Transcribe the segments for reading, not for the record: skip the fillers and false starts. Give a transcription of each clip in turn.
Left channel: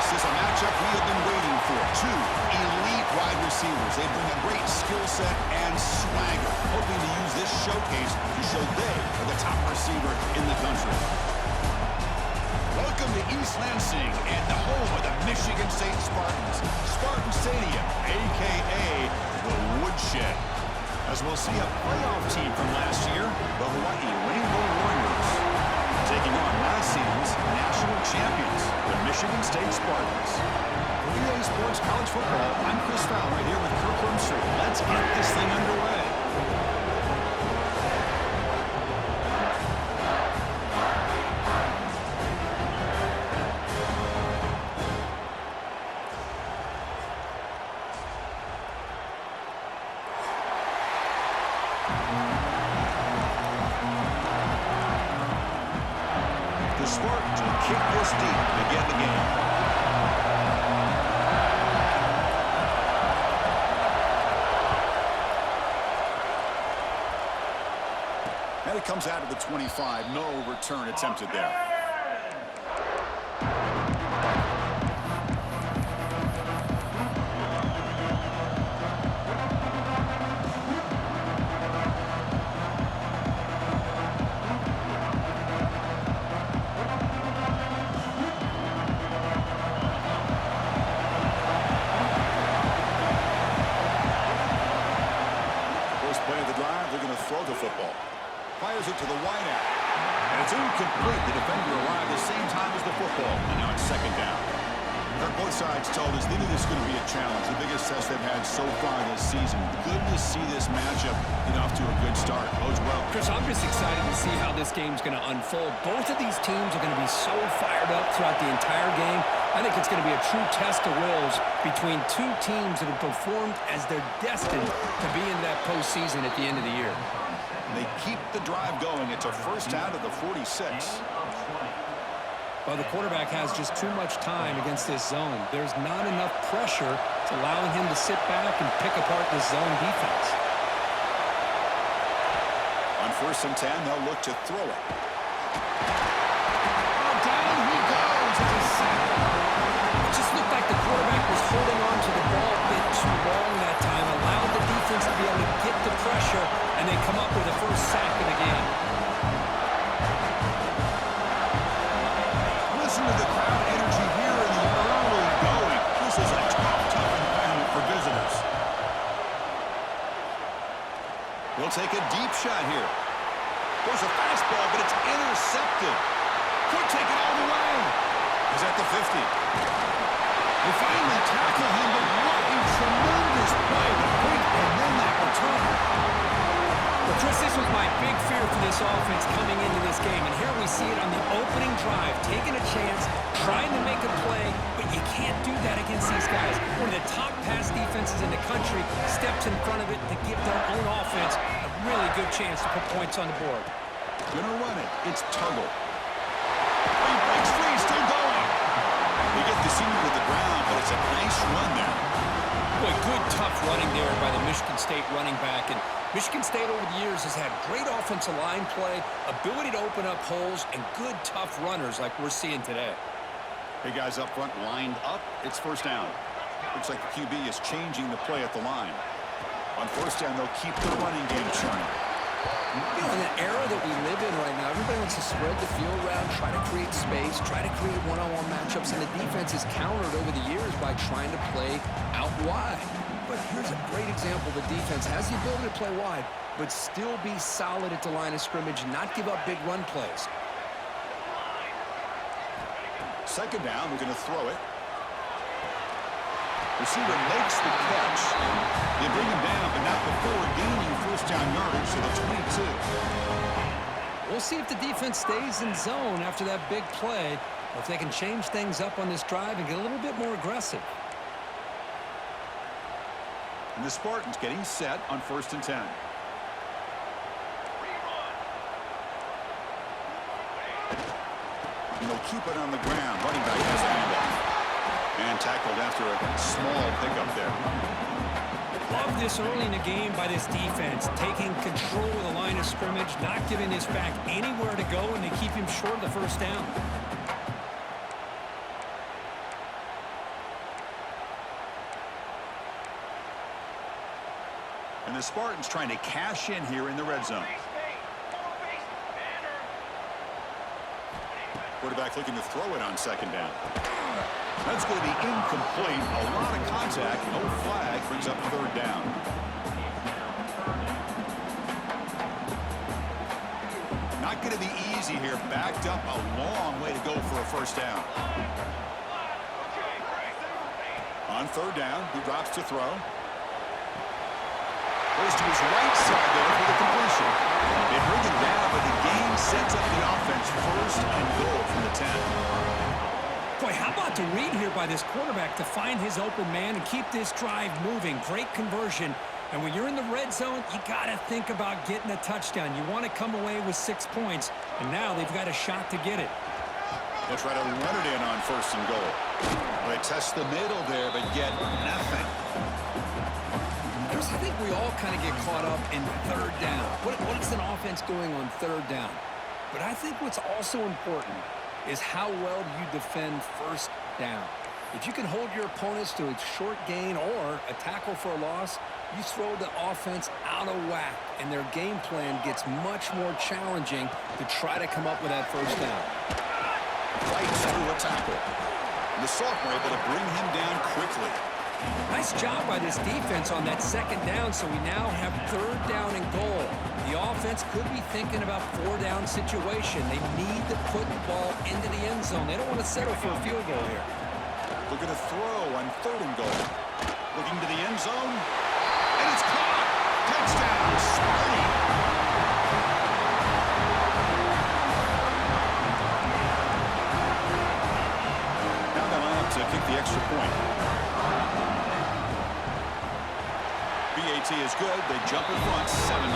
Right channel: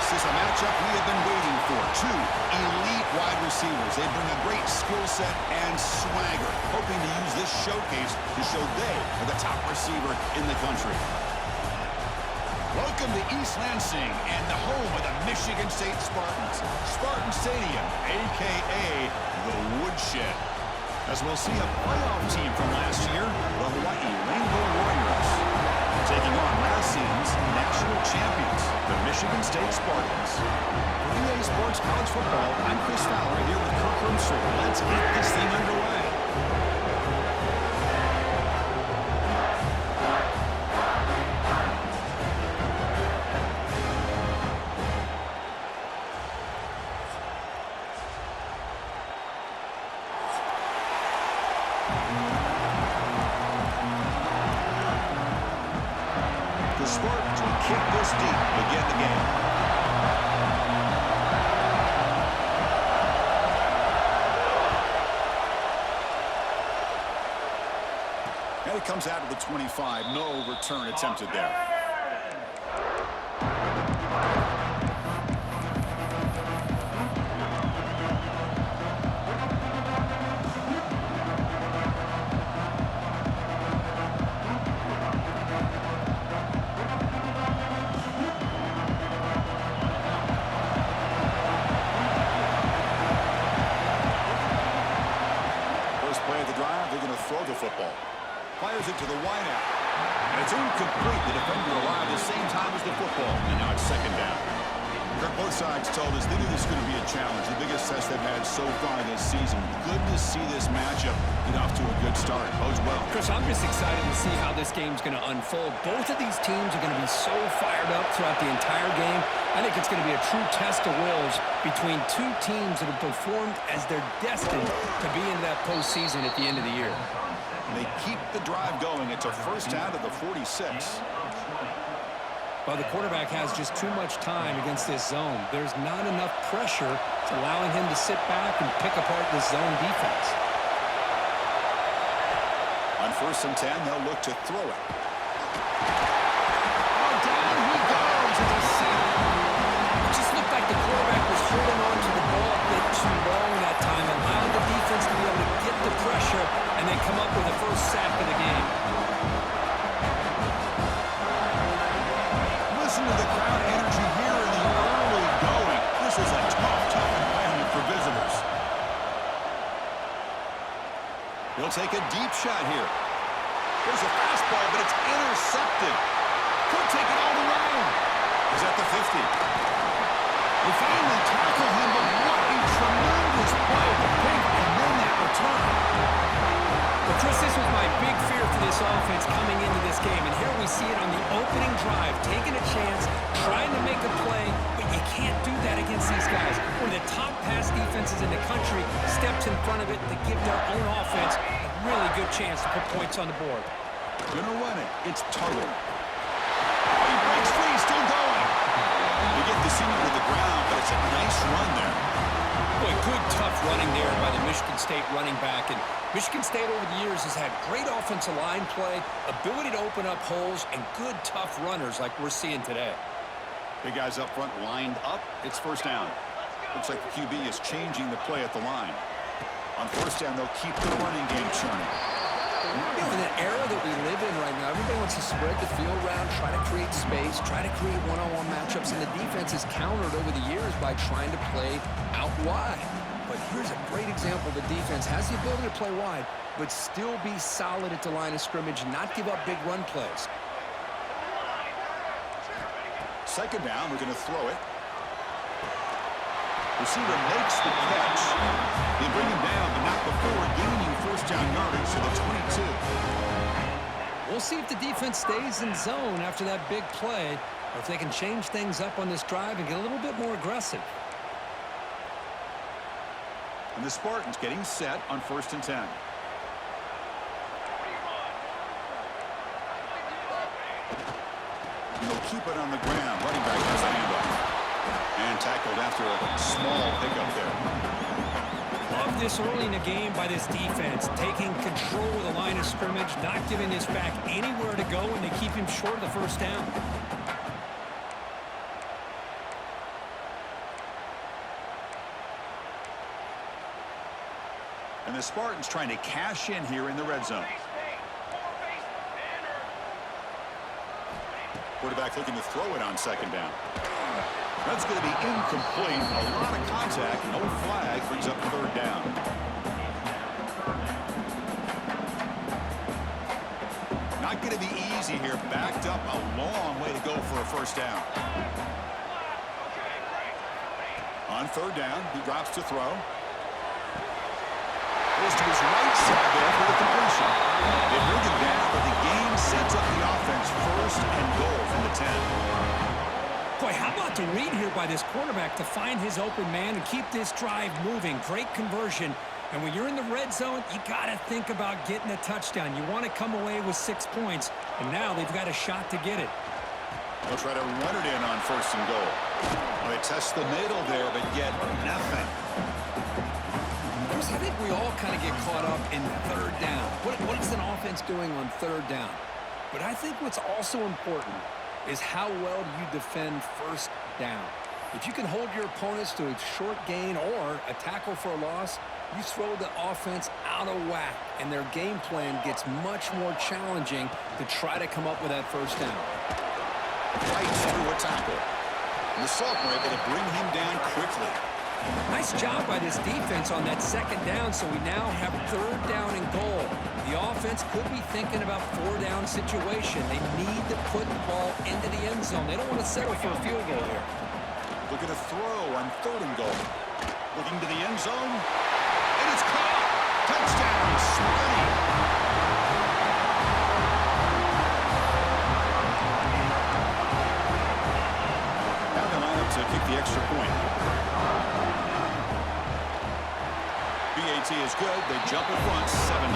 This is a matchup we have been waiting for. Two elite wide receivers. They bring a great skill set and swagger, hoping to use this showcase to show they are the top receiver in the country. Welcome to East Lansing and the home of the Michigan State Spartans. Spartan Stadium, a.k.a. the Woodshed. As we'll see a playoff team from last year, the Hawaii Rainbow Warriors, taking on last season's national champions, the Michigan State Spartans. For EA Sports College Football, I'm Chris Fowler here with Kirk Roomstreet. Let's get this thing underway. The Spartans will kick this deep to begin the game. And it comes out of the 25. No return attempted there. First play of the drive, they're going to throw the football. Fires it to the wideout. And it's incomplete. The defender arrived the same time as the football. And now it's second down. Both sides told us they knew this was going to be a challenge. The biggest test they've had so far this season. Good to see this matchup get off to a good start. Bodes well. Chris, I'm just excited to see how this game's going to unfold. Both of these teams are going to be so fired up throughout the entire game. I think it's going to be a true test of wills between two teams that have performed as they're destined to be into that postseason at the end of the year. They keep the drive going. It's a first out of the 46. Well, the quarterback has just too much time against this zone. There's not enough pressure to allowing him to sit back and pick apart this zone defense. On 1st and 10, they'll look to throw it. Oh, down he goes. It's a sack. It just looked like the quarterback was holding on to the ball a bit too long that time, allowed the defense to be able to get the pressure, and they come up with the first sack of the game. Listen to the crowd energy here in the early going. This is a tough environment for visitors. He'll take a deep shot here. There's a fastball, but it's intercepted. Could take it all the way. He's at the 50. They finally tackle him, but what a tremendous play. The pick and then that return. Well, Chris, this was my big fear for this offense coming into this game. And here we see it on the opening drive, taking a chance, trying to make a play, but you can't do that against these guys. One of the top pass defenses in the country steps in front of it to give their own offense a really good chance to put points on the board. Gonna run it. It's Tuggle. Oh, he breaks free. Still going. They get the senior to the ground, but it's a nice run there. Boy, good, tough running there by the Michigan State running back. And Michigan State over the years has had great offensive line play, ability to open up holes, and good, tough runners like we're seeing today. Big guys up front lined up. It's first down. Looks like the QB is changing the play at the line. On first down, they'll keep the running game churning. You know, in the era that we live in right now, everybody wants to spread the field around, try to create space, try to create one-on-one matchups, and the defense is countered over the years by trying to play out wide. But here's a great example. The defense has the ability to play wide, but still be solid at the line of scrimmage, not give up big run plays. Second down, we're going to throw it. Receiver makes the catch. They bring him down, but not before gaining first down yardage to the 22. We'll see if the defense stays in zone after that big play, or if they can change things up on this drive and get a little bit more aggressive. And the Spartans getting set on 1st and 10. And they'll keep it on the ground. Running back has the handoff. And tackled after a small pickup there. Love this early in the game by this defense, taking control of the line of scrimmage, not giving this back anywhere to go, and they keep him short of the first down. the Spartans trying to cash in here in the red zone. Quarterback looking to throw it on second down. That's going to be incomplete. A lot of contact. No flag. Brings up third down. Not going to be easy here. Backed up a long way to go for a first down. On third down, he drops to throw. Goes to his right side there for the completion. They bring him down, but the game sets up the offense first and goal from the 10. Boy, how about the read here by this quarterback to find his open man and keep this drive moving. Great conversion. And when you're in the red zone, you got to think about getting a touchdown. You want to come away with 6 points, and now they've got a shot to get it. They'll try to run it in on first and goal. Well, they test the middle there, but get nothing. I think we all kind of get caught up in third down. What is an offense doing on third down? But I think what's also important is how well do you defend first down. If you can hold your opponents to a short gain or a tackle for a loss, you throw the offense out of whack, and their game plan gets much more challenging to try to come up with that first down. Fights through a tackle. And the sophomore able to bring him down quickly. Nice job by this defense on that second down, so we now have third down and goal. The offense could be thinking about four-down situation. They need to put the ball into the end zone. They don't want to settle for a field goal here. Looking to throw on third and goal. Looking to the end zone. And it's caught. Touchdown, Sparty. Now they line up to kick the extra point. BAT is good. They jump in front, 7-0.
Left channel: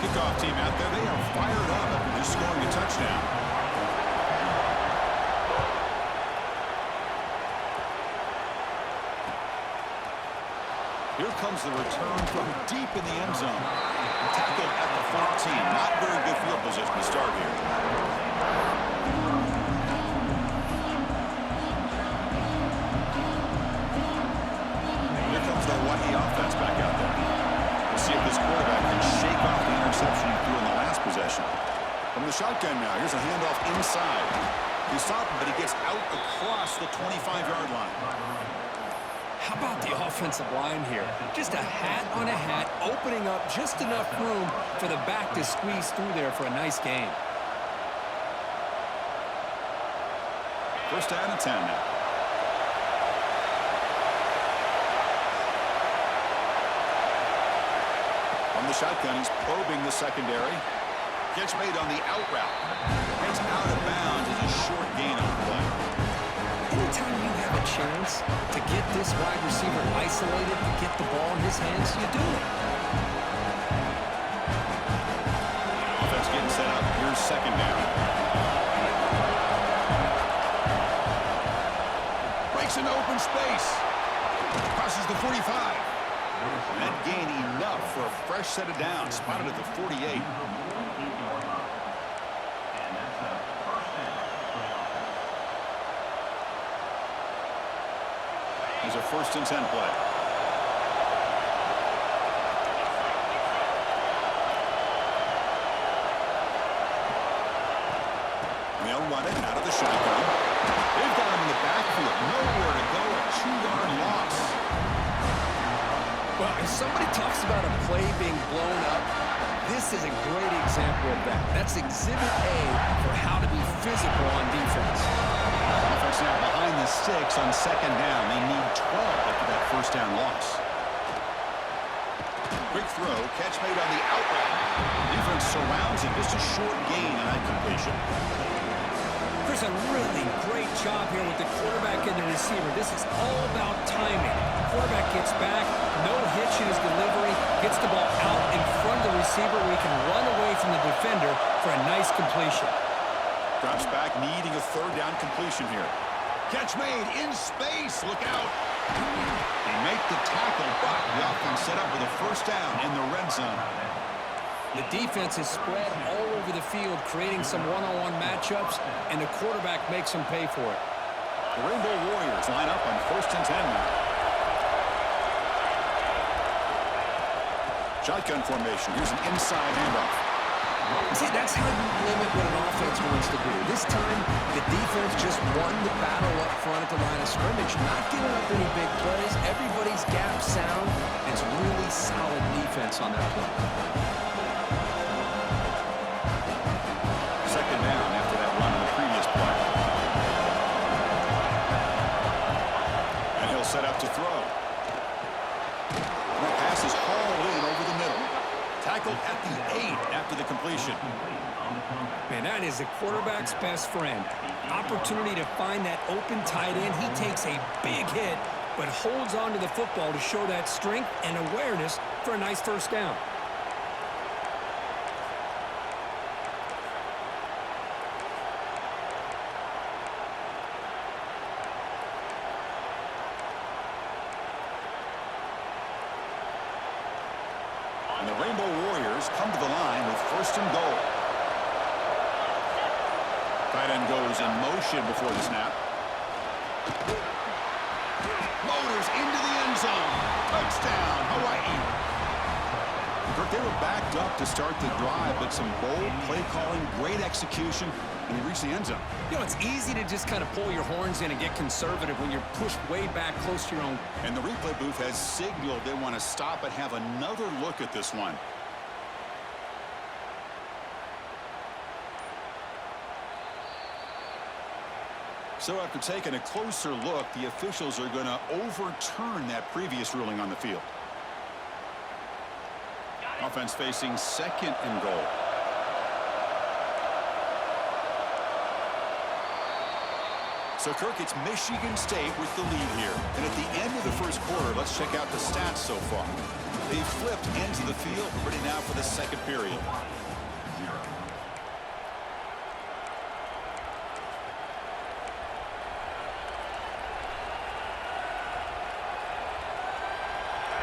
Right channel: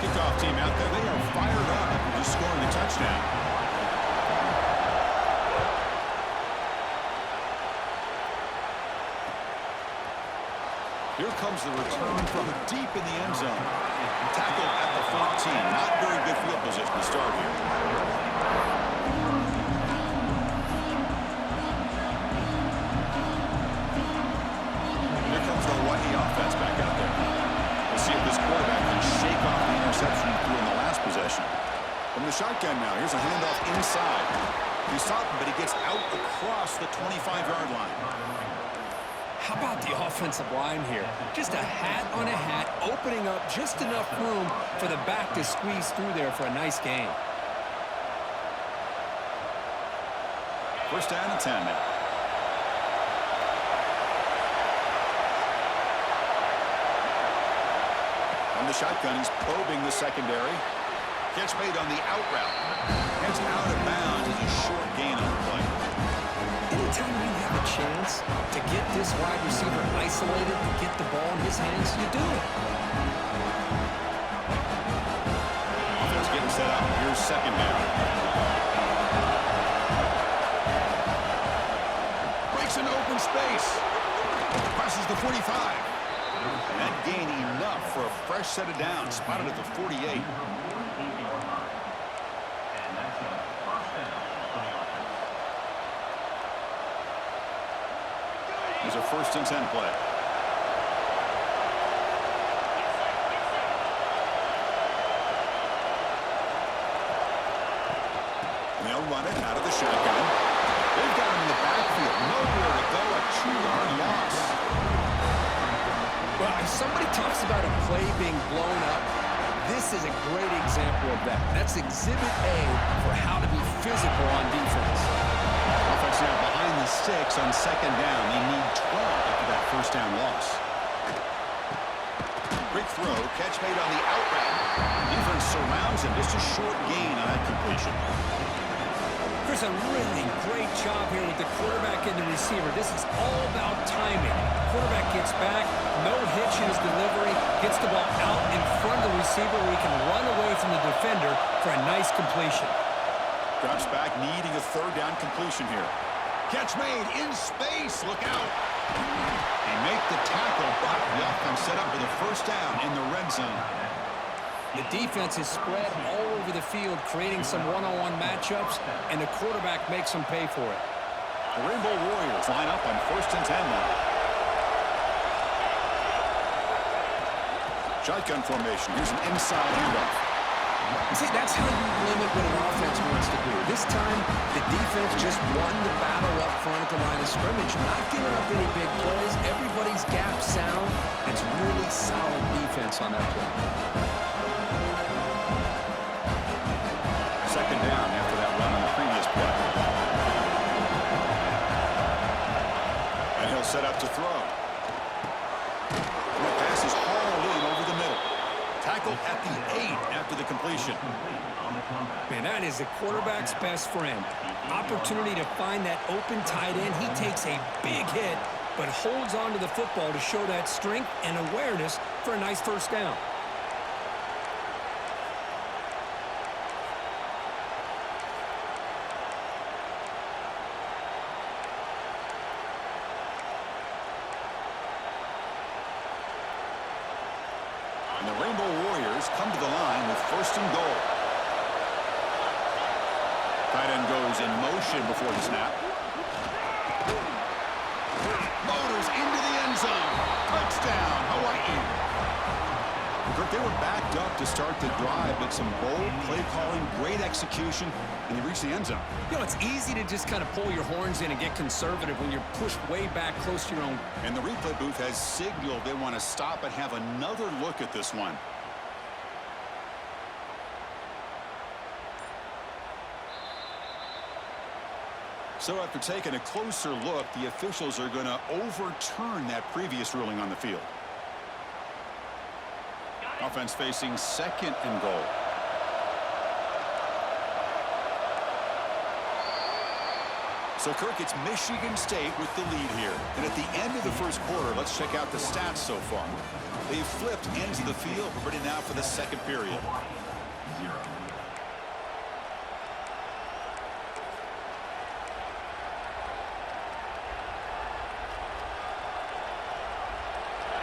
Kickoff team out there. They are fired up after just scoring a touchdown. Here comes the return from deep in the end zone. Tackle at the 14. Not very good field position to start here. Here comes the Hawaii offense back out there. We'll see if this quarterback can shake off the interception he threw in the last possession. From the shotgun now, here's a handoff inside. He's stopping, but he gets out across the 25-yard line. How about the offensive line here? Just a hat on a hat, opening up just enough room for the back to squeeze through there for a nice game. First down and 10 now. On the shotgun, he's probing the secondary. Catch made on the out route. Heads out of bounds as a short gain on the play. Anytime you have a chance to get this wide receiver isolated, to get the ball in his hands, you do it. Offense getting set up. Here's second down. Breaks into open space. Crosses the 45. That gain enough for a fresh set of downs. Spotted at the 48. There's a first and 10 play. And they'll run it out of the shotgun. They've got him in the backfield. Nowhere to go. A 2-yard loss. Well, if somebody talks about a play being blown up, this is a great example of that. That's exhibit A for how to be physical on defense. Offense now behind the sticks on second down. They need 12 after that first down loss. Quick throw, catch made on the out route. Defense surrounds him. Just a short gain on that completion. There's a really great job here with the quarterback and the receiver. This is all about timing. Quarterback gets back, no hitch in his delivery, gets the ball out in front of the receiver where he can run away from the defender for a nice completion. Drops back, needing a third down completion here. Catch made in space. Look out. They make the tackle, but the offense set up with a first down in the red zone. The defense is spread all over the field, creating some one-on-one matchups, and the quarterback makes them pay for it. The Rainbow Warriors line up on first and 10 now. Shotgun formation. Here's an inside handoff. See, that's how you limit what an offense wants to do. This time, the defense just won the battle up front at the line of scrimmage, not giving up any big plays. Everybody's gap sound. It's really solid defense on that play. Second down after that run on the previous play. And he'll set up to throw. And that pass is hauled in over the middle. Tackled at the 8 after the completion. Man, that is the quarterback's best friend. Opportunity to find that open tight end. He takes a big hit, but holds on to the football to show that strength and awareness for a nice first down. And the Rainbow Warriors come to the line with 1st and goal. Tight end goes in motion before the snap. Motors into the end zone. Touchdown, Hawaii. Kirk, they were backed up to start the drive, but some bold play calling, great execution, and they reached the end zone. You know, it's easy to just kind of pull your horns in and get conservative when you're pushed way back close to your own. And the replay booth has signaled they want to stop and have another look at this one. So after taking a closer look, the officials are going to overturn that previous ruling on the field. Offense facing 2nd and goal. So, Kirk, it's Michigan State with the lead here. And at the end of the first quarter, let's check out the stats so far. They've flipped ends of the field. We're ready now for the second period.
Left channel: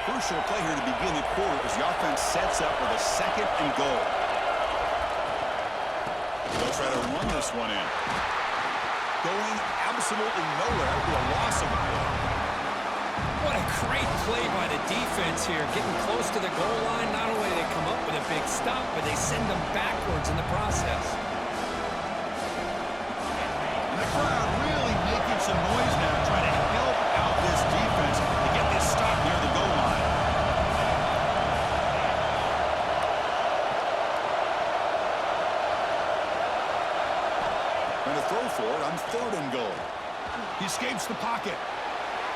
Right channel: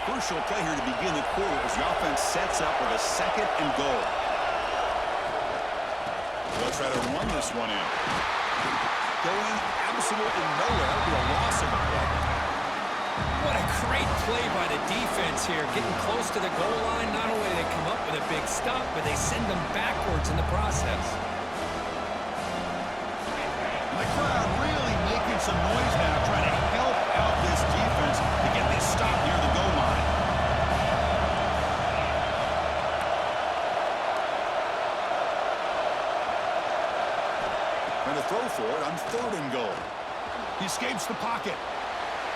Crucial play here to begin the quarter as the offense sets up with a 2nd and goal. They'll try to run this one in. Going absolutely nowhere. That would be a loss of the play. What a great play by the defense here. Getting close to the goal line, not only do they come up with a big stop, but they send them backwards in the process. And the crowd really making some noise now, trying to help out this defense to get this stop near the goal line. And a throw for it on 3rd and goal. He escapes the pocket.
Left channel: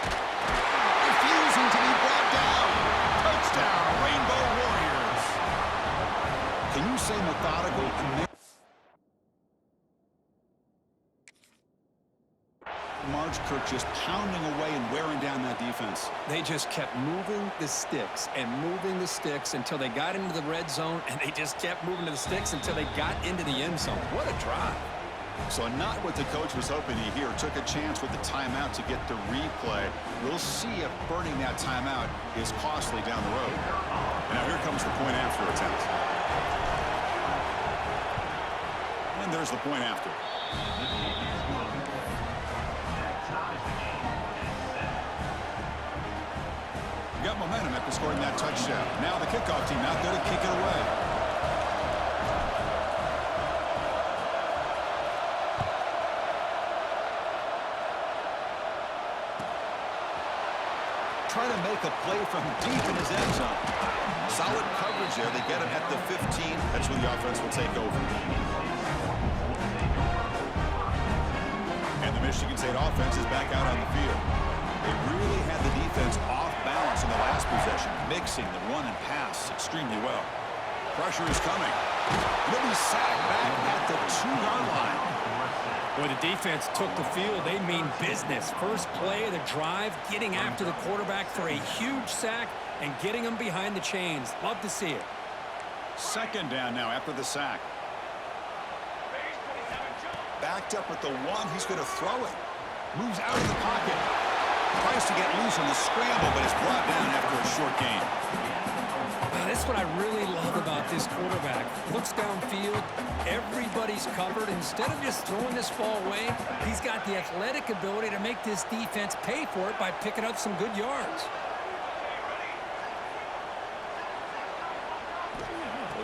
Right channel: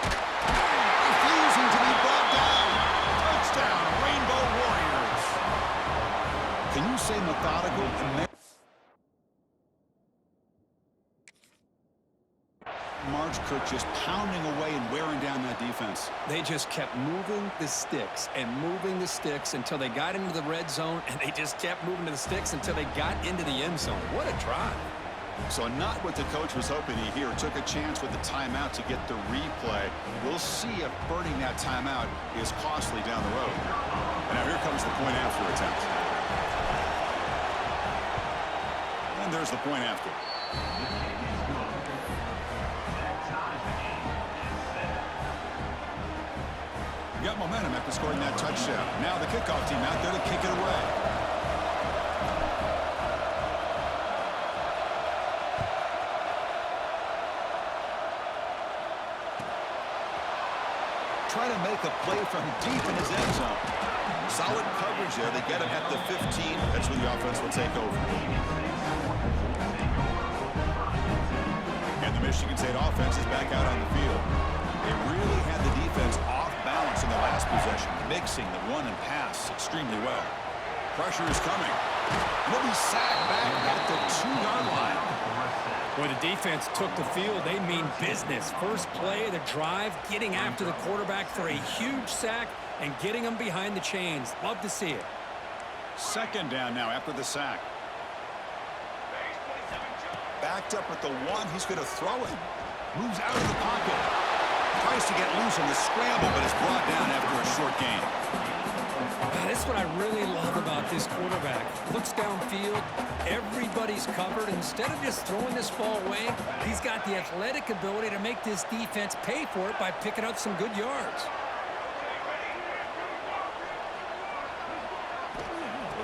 Refusing to be brought down. Touchdown, Rainbow Warriors. Can you say methodical and Marge Kirk just pounding away and wearing down that defense. They just kept moving the sticks and moving the sticks until they got into the red zone, and they just kept moving to the sticks until they got into the end zone. What a drive. So not what the coach was hoping to hear. Took a chance with the timeout to get the replay. We'll see if burning that timeout is costly down the road. And now here comes the point after attempt. And there's the point after. Got momentum after scoring that touchdown. Now the kickoff team out there to kick it away. Trying to make a play from deep in his end zone. Solid coverage there. They get him at the 15. That's where the offense will take over. And the Michigan State offense is back out on the field. They really had the defense off balance in the last possession, mixing the run and pass extremely well. Pressure is coming. He'll be sacked back at the 2-yard line. Boy, the defense took the field. They mean business. First play of the drive, getting after the quarterback for a huge sack and getting him behind the chains. Love to see it. Second down now after the sack. Backed up at the 1. He's going to throw it. Moves out of the pocket. Tries to get loose on the scramble, but is brought down after a short gain. That's what I really love about this quarterback. Looks downfield, everybody's covered. Instead of just throwing this ball away, he's got the athletic ability to make this defense pay for it by picking up some good yards.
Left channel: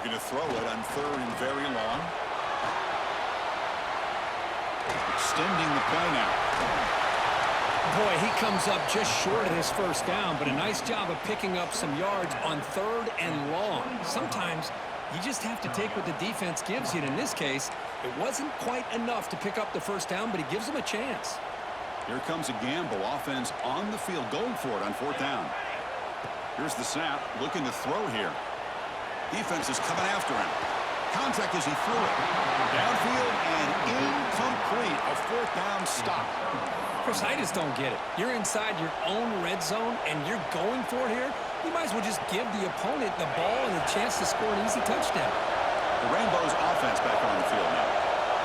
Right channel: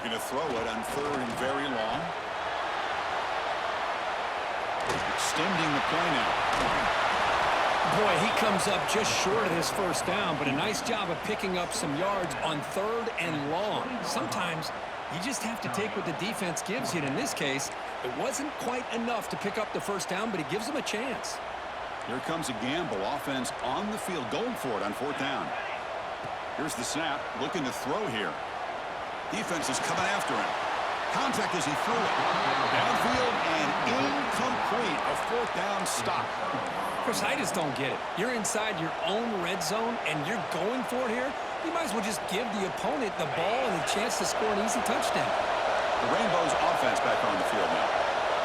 Looking to throw it on 3rd and very long. Extending the play now. Boy, he comes up just short of his first down, but a nice job of picking up some yards on 3rd and long. Sometimes you just have to take what the defense gives you, and in this case, it wasn't quite enough to pick up the first down, but he gives them a chance. Here comes a gamble. Offense on the field, going for it on 4th down. Here's the snap, looking to throw here. Defense is coming after him. Contact as he threw it. Downfield and incomplete. A 4th down stop. Chris, I just don't get it. You're inside your own red zone, and you're going for it here. You might as well just give the opponent the ball and a chance to score an easy touchdown. The Rainbows offense back on the field now.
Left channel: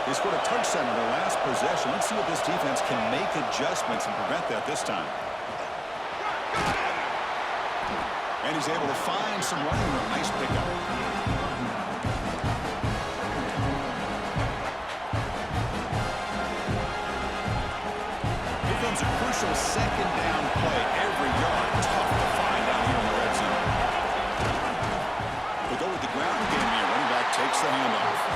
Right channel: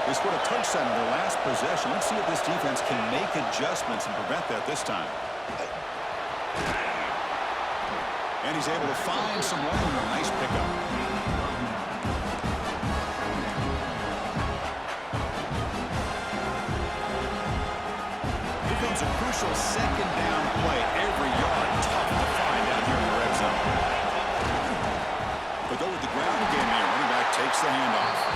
They scored a touchdown on their last possession. Let's see if this defense can make adjustments and prevent that this time. And he's able to find some running room. Nice pickup. Here comes a crucial 2nd down play. Every yard tough to find down here in the red zone. They go with the ground game here. Running back takes the handoff.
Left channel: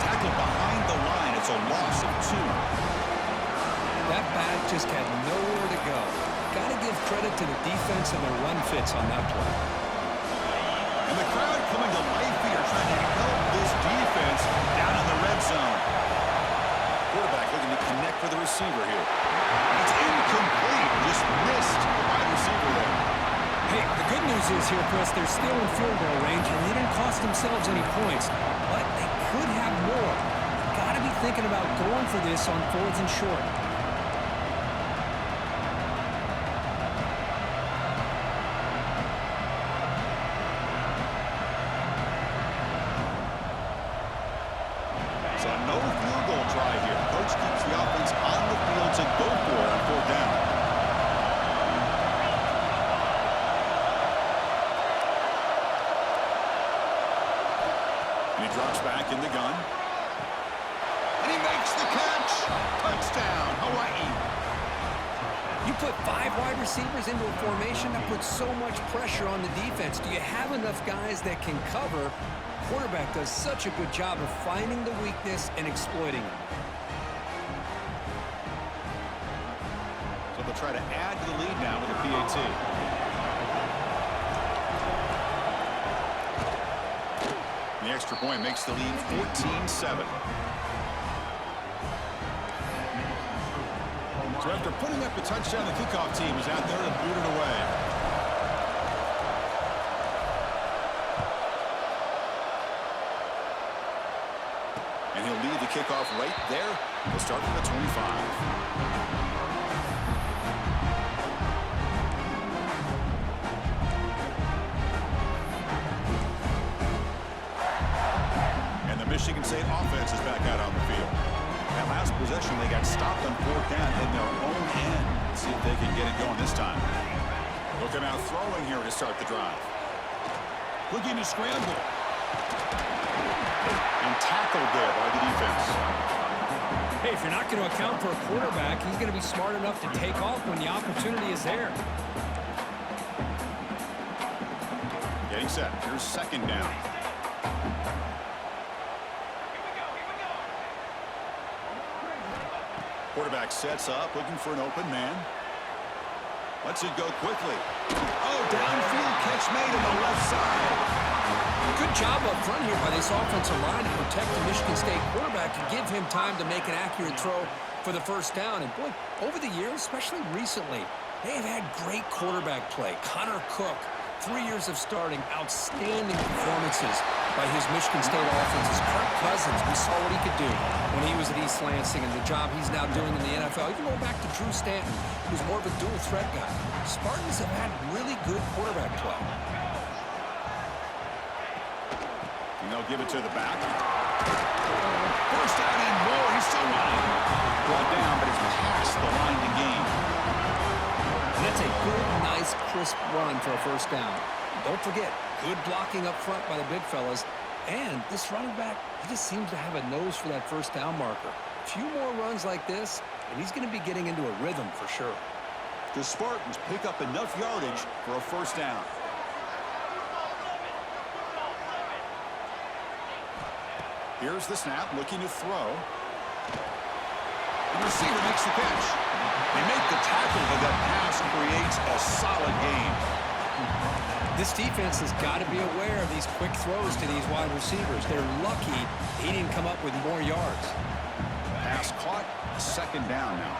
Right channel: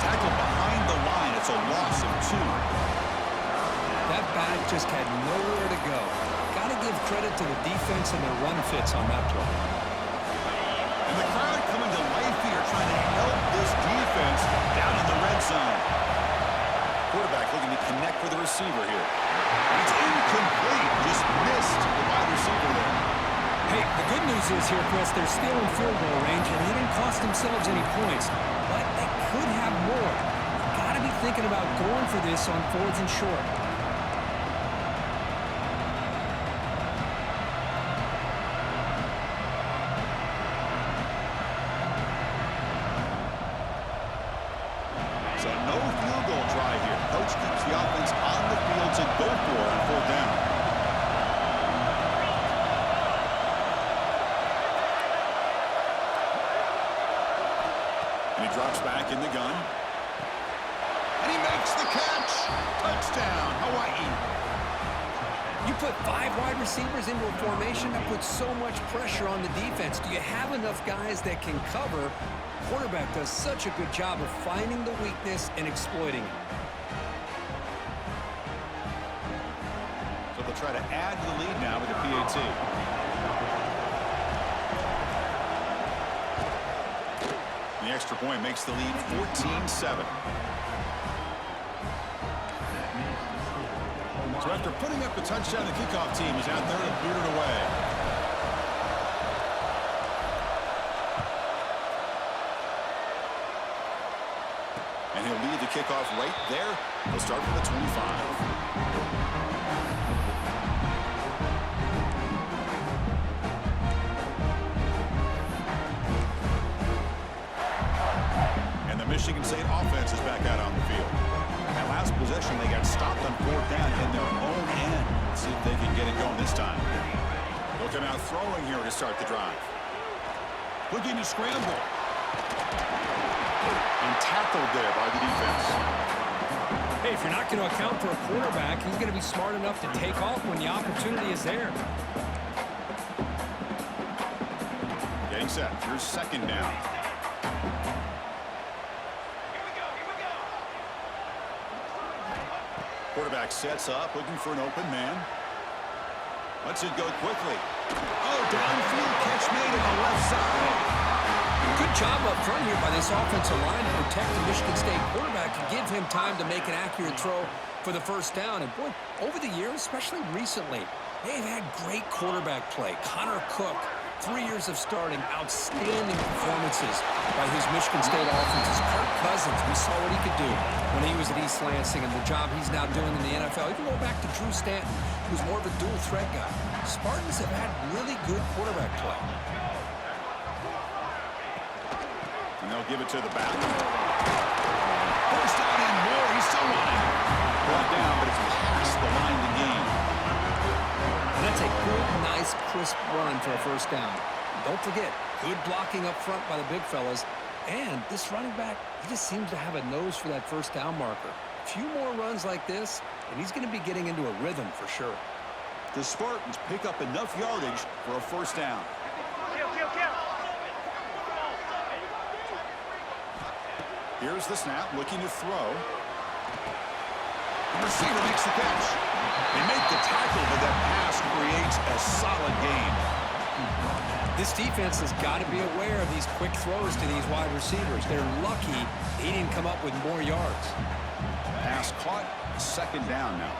Tackle behind the line. It's a loss of 2. That back just had nowhere to go. Got to give credit to the defense and their run fits on that play. And the crowd coming to life here, trying to help this defense down in the red zone. Quarterback looking to connect with the receiver here. It's incomplete. Just missed the wide receiver there. Hey, the good news is here, Chris, they're still in field goal range, and they didn't cost themselves any points. But they could have more. You've got to be thinking about going for this on 4th and short. So no field goal try here. Coach keeps the offense on the field to go for it on 4th down. And he drops back in the gun. And he makes the catch. Touchdown, Hawaii. You put 5 wide receivers into a formation, that puts so much pressure on the defense. Do you have enough guys that can cover? Quarterback does such a good job of finding the weakness and exploiting it. So they'll try to add to the lead now with a PAT. The extra point makes the lead 14-7. So after putting up the touchdown, the kickoff team is out there to boot it away. And he'll lead the kickoff right there. He'll start from the 25. And the Michigan State offense is back out on the field. That last possession, they got stopped on 4th down in their own end. Let's see if they can get it going this time. They'll come out throwing here to start the drive. Looking to scramble. And tackled there by the defense. Hey, if you're not going to account for a quarterback, he's going to be smart enough to take off when the opportunity is there. Getting set. Here's 2nd down. Quarterback sets up, looking for an open man. Lets it go quickly. Oh, downfield catch made on the left side. Good job up front here by this offensive line to protect the Michigan State quarterback and give him time to make an accurate throw for the first down. And, boy, over the years, especially recently, they have had great quarterback play. Connor Cook, 3 years of starting, outstanding performances by his Michigan State offenses. Kirk Cousins, we saw what he could do when he was at East Lansing and the job he's now doing in the NFL. Even go back to Drew Stanton, who's more of a dual threat guy. Spartans have had really good quarterback play. And they'll give it to the back. First down and more. He's still running. Brought down, but it's past the line to gain. And that's a good, nice, crisp run for a first down. Don't forget, good blocking up front by the big fellas. And this running back, he just seems to have a nose for that first down marker. A few more runs like this, and he's going to be getting into a rhythm for sure. The Spartans pick up enough yardage for a first down. Here's the snap, looking to throw. The receiver makes the catch. They make the tackle, but that pass creates a solid gain. This defense has got to be aware of these quick throws to these wide receivers. They're lucky he didn't come up with more yards. Pass caught, second down now.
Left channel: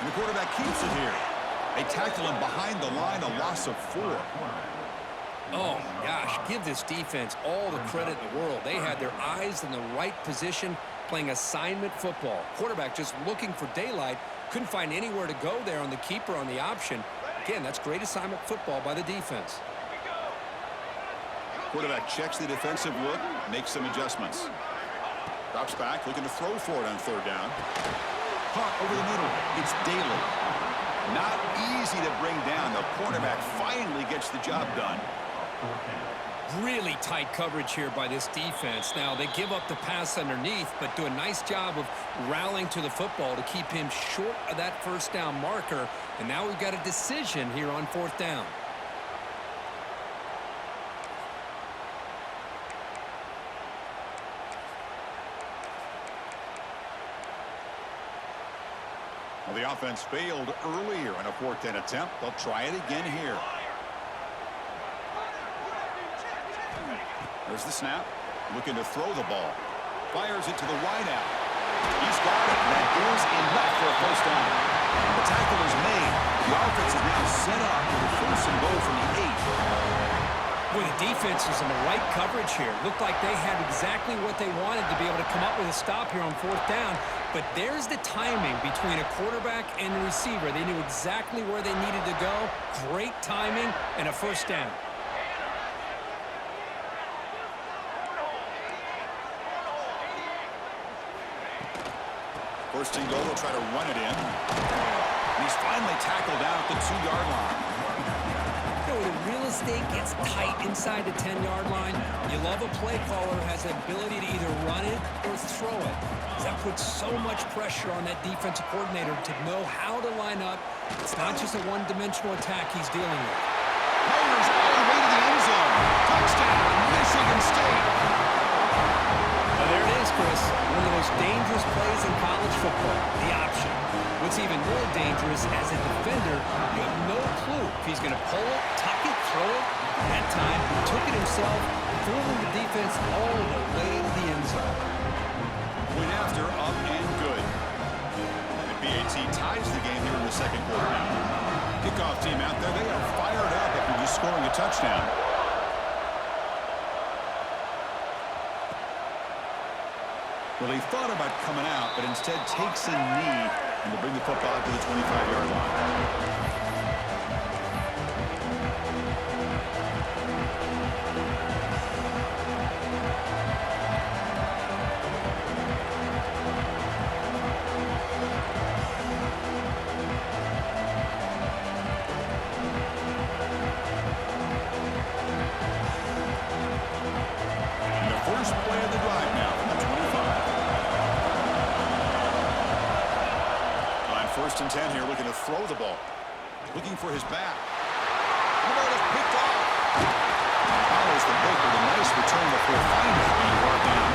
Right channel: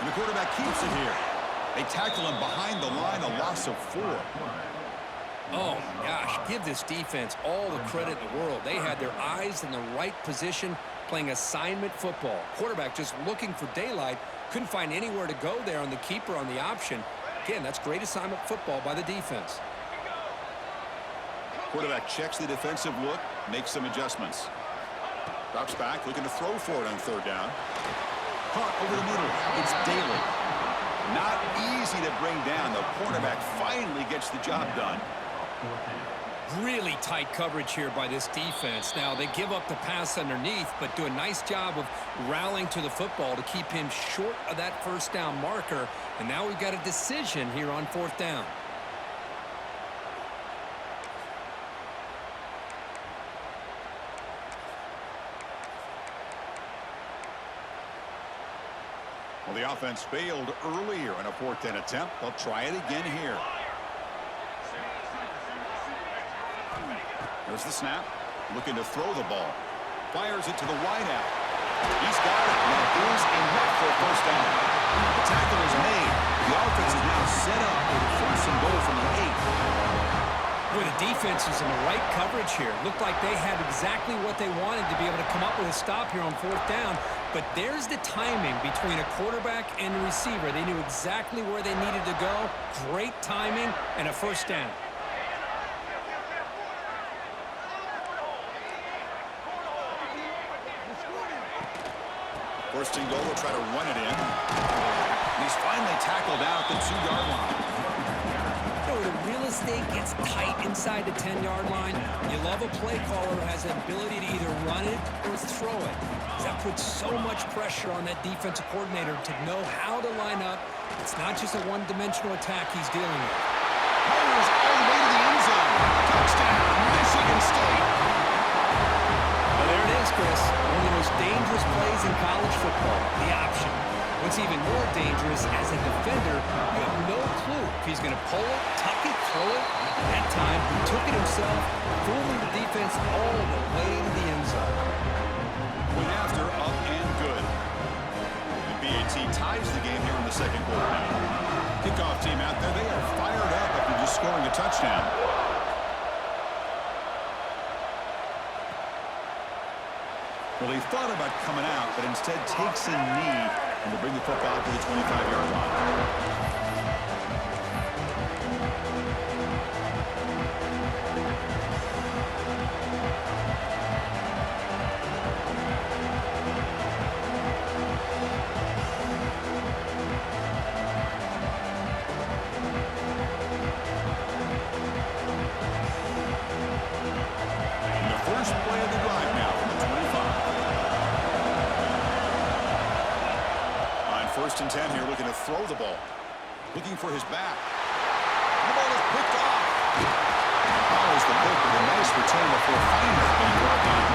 And the quarterback keeps it here. They tackle him behind the line, a loss of 4. Oh, my gosh, give this defense all the credit in the world. They had their eyes in the right position, playing assignment football. Quarterback just looking for daylight, couldn't find anywhere to go there on the keeper on the option. Again, that's great assignment football by the defense. Quarterback checks the defensive look, makes some adjustments. Drops back, looking to throw for it on third down. Caught over the middle. It's Daly. Not easy to bring down. The cornerback finally gets the job done. Really tight coverage here by this defense. Now, they give up the pass underneath, but do a nice job of rallying to the football to keep him short of that first down marker. And now we've got a decision here on fourth down. Well, the offense failed earlier in a fourth down attempt. They'll try it again here. There's the snap. Looking to throw the ball. Fires it to the wideout. He's got it. And that is enough for a first down. The tackle is made. The offense is now set up with a first and goal from the 8. Boy, the defense was in the right coverage here. Looked like they had exactly what they wanted to be able to come up with a stop here on fourth down. But there's the timing between a quarterback and a receiver. They knew exactly where they needed to go. Great timing and a first down. First and goal, they'll try to run it in. And he's finally tackled out at the 2-yard line. You know, the real estate gets tight inside the 10-yard line. You love a play caller who has the ability to either run it or throw it. That puts so much pressure on that defensive coordinator to know how to line up. It's not just a one-dimensional attack he's dealing with. Myers all the way to the end zone. Touchdown, Michigan State. Well, there it is, Chris. One of the most dangerous plays in college football, the option. What's even more dangerous, as a defender, you have no clue if he's going to pull it, tuck it, throw it. That time, he took it himself, fooling the defense all the way to the end zone. Point after, up and good. The BAT ties the game here in the second quarter now. Kickoff team out there, they are fired up after just scoring a touchdown. Well, he thought about coming out, but instead takes a knee and to bring the football to the 25-yard line. And the first play of the drive now from the 25. First and 10 here, looking to throw the ball. Looking for his back. And the ball is picked off. Follows the pick with a nice return before finally being brought down.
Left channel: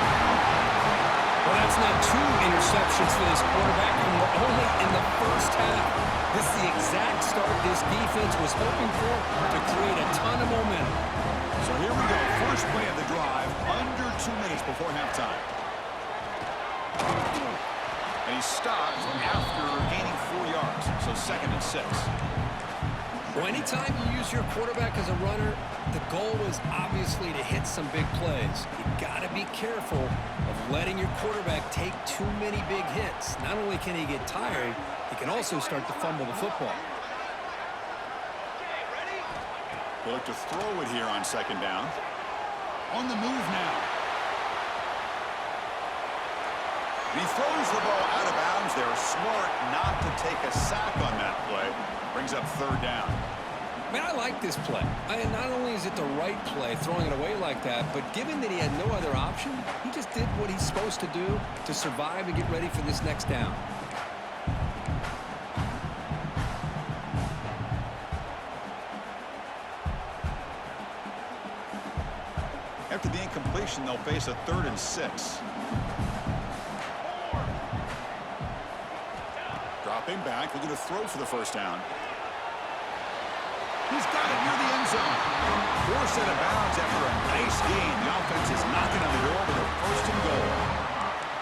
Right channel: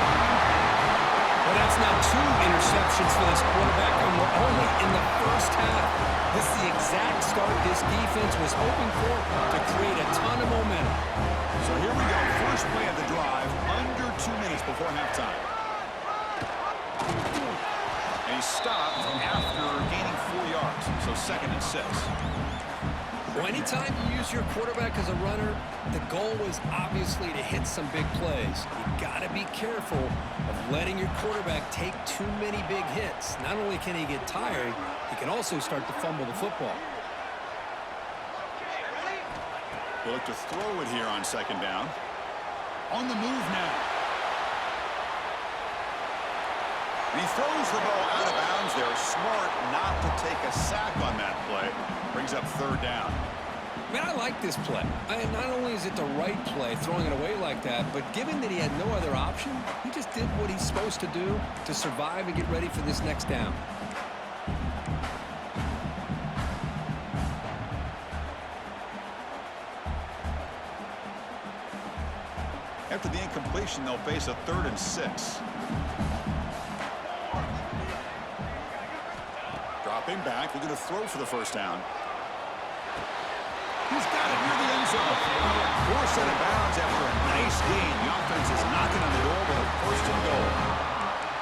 Well, that's now 2 interceptions for this quarterback, and we're only in the first half. This is the exact start this defense was hoping for to create a ton of momentum. So here we go. First play of the drive, under 2 minutes before halftime. And he stopped after gaining 4 yards, so second and 6. Well, anytime you use your quarterback as a runner, the goal is obviously to hit some big plays. You got to be careful of letting your quarterback take too many big hits. Not only can he get tired, he can also start to fumble the football. They look to throw it here on second down. On the move now. And he throws the ball out of bounds there. Smart not to take a sack on that play. Brings up third down. Man, I like this play. Not only is it the right play, throwing it away like that, but given that he had no other option, he just did what he's supposed to do to survive and get ready for this next down. After the incompletion, they'll face a 3rd and 6. Dropping back, looking to throw for the first down. He's got it near the end zone. Forced out of bounds after a nice gain. The offense is knocking on the door with a 1st and goal.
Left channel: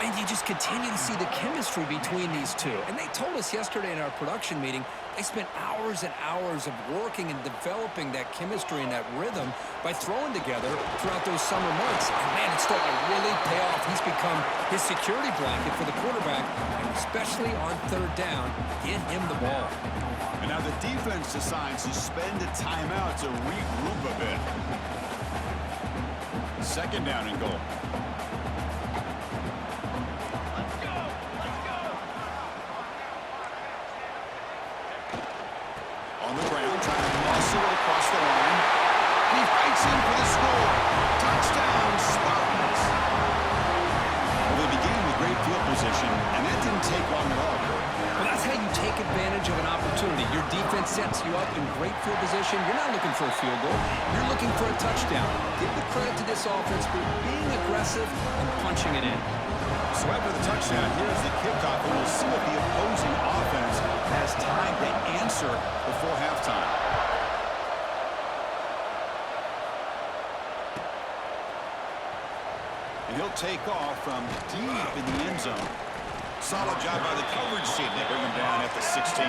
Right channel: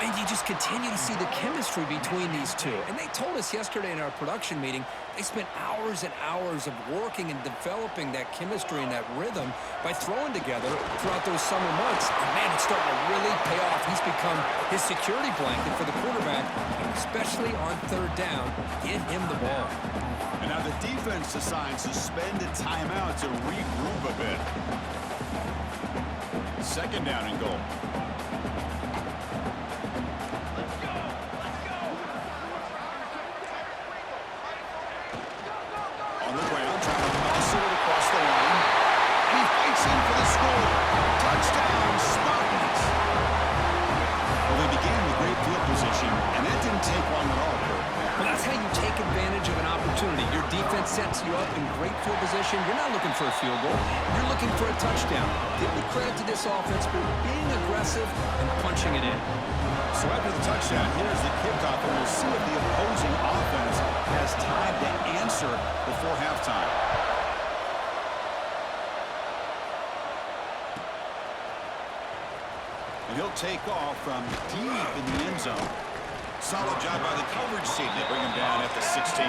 And you just continue to see the chemistry between these two. And they told us yesterday in our production meeting, they spent hours and hours of working and developing that chemistry and that rhythm by throwing together throughout those summer months. And man, it's starting to really pay off. He's become his security blanket for the quarterback, and especially on 3rd down, get him the ball. And now the defense decides to spend a timeout to regroup a bit. 2nd down and goal. On the ground, trying to muscle it across the line. And he fights in for the score. Touchdown, Spartans. Well, they began with great field position, and that didn't take long at all, Kurt. Well, that's how you take advantage of an opportunity. Your defense sets you up in great field position. You're not looking for a field goal. You're looking for a touchdown. Give the credit to this offense for being aggressive and punching it in. So after the touchdown, here's the kickoff, and we'll see if the opposing offense has time to answer before halftime. And he'll take off from deep in the end zone. Solid job by the coverage team. They bring him down at the 16.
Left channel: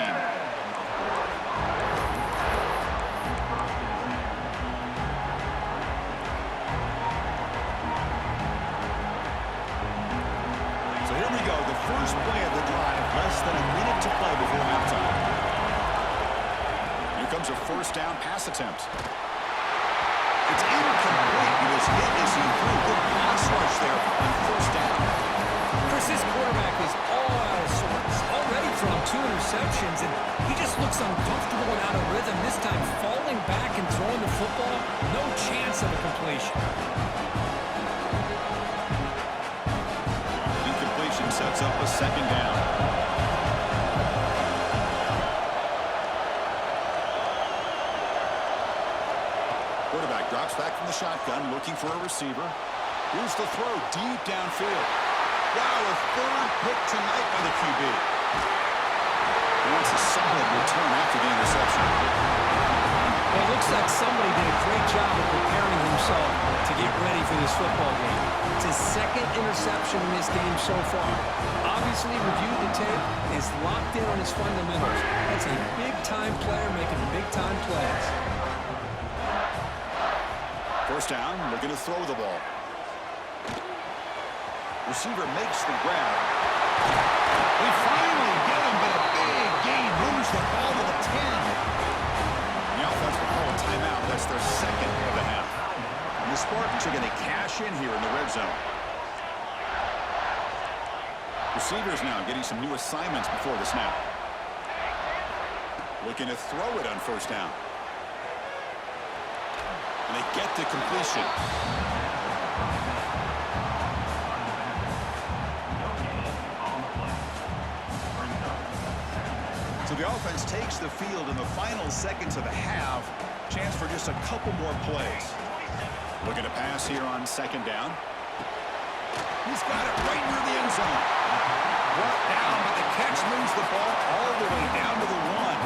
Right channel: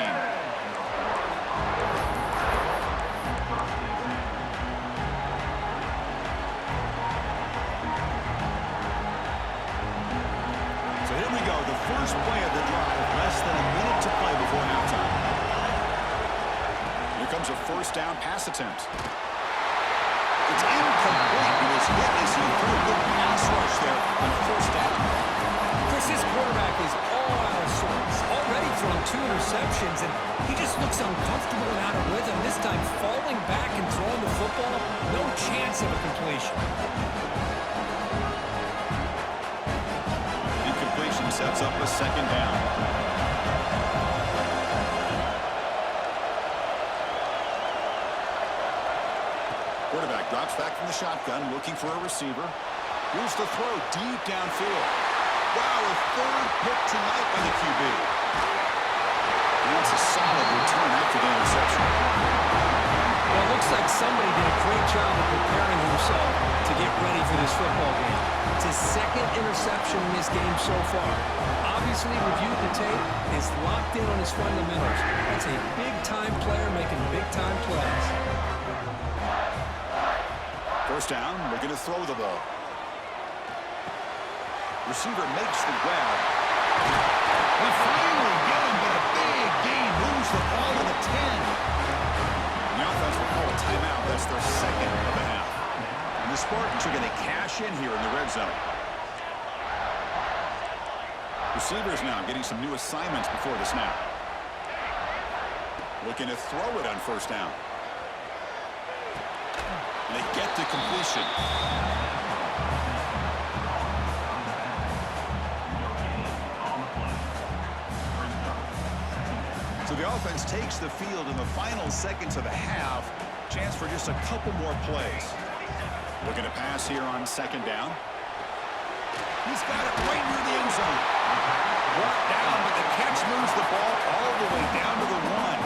So here we go, the first play of the drive, less than a minute to play before halftime. Here comes a 1st down pass attempt. It's incomplete. He was hit as he threw. Good pass rush there on 1st down. Chris, this quarterback is all out of sorts. Already thrown 2 interceptions, and he just looks uncomfortable and out of rhythm. This time falling back and throwing the football, no chance of a completion. Incompletion sets up a 2nd down. Quarterback drops back from the shotgun, looking for a receiver. Here's the throw deep downfield. Wow, a 3rd pick tonight by the QB. And that's a solid return after the interception. Well, it looks like somebody did a great job of preparing himself to get ready for this football game. It's his 2nd interception in this game so far. Obviously reviewed the tape, is locked in on his fundamentals. That's a big-time player making big-time plays. 1st down, looking to throw the ball. Receiver makes the grab. They finally get him, but a big gain moves the ball to the 10. The offense will call a timeout. That's their 2nd of the half. And the Spartans are going to cash in here in the red zone. Receivers now getting some new assignments before the snap. Looking to throw it on 1st down. And they get the completion. So the offense takes the field in the final seconds of the half. Chance for just a couple more plays. Looking to pass here on 2nd down. He's got it right near the end zone. Brought down, but the catch moves the ball all the way down to the 1.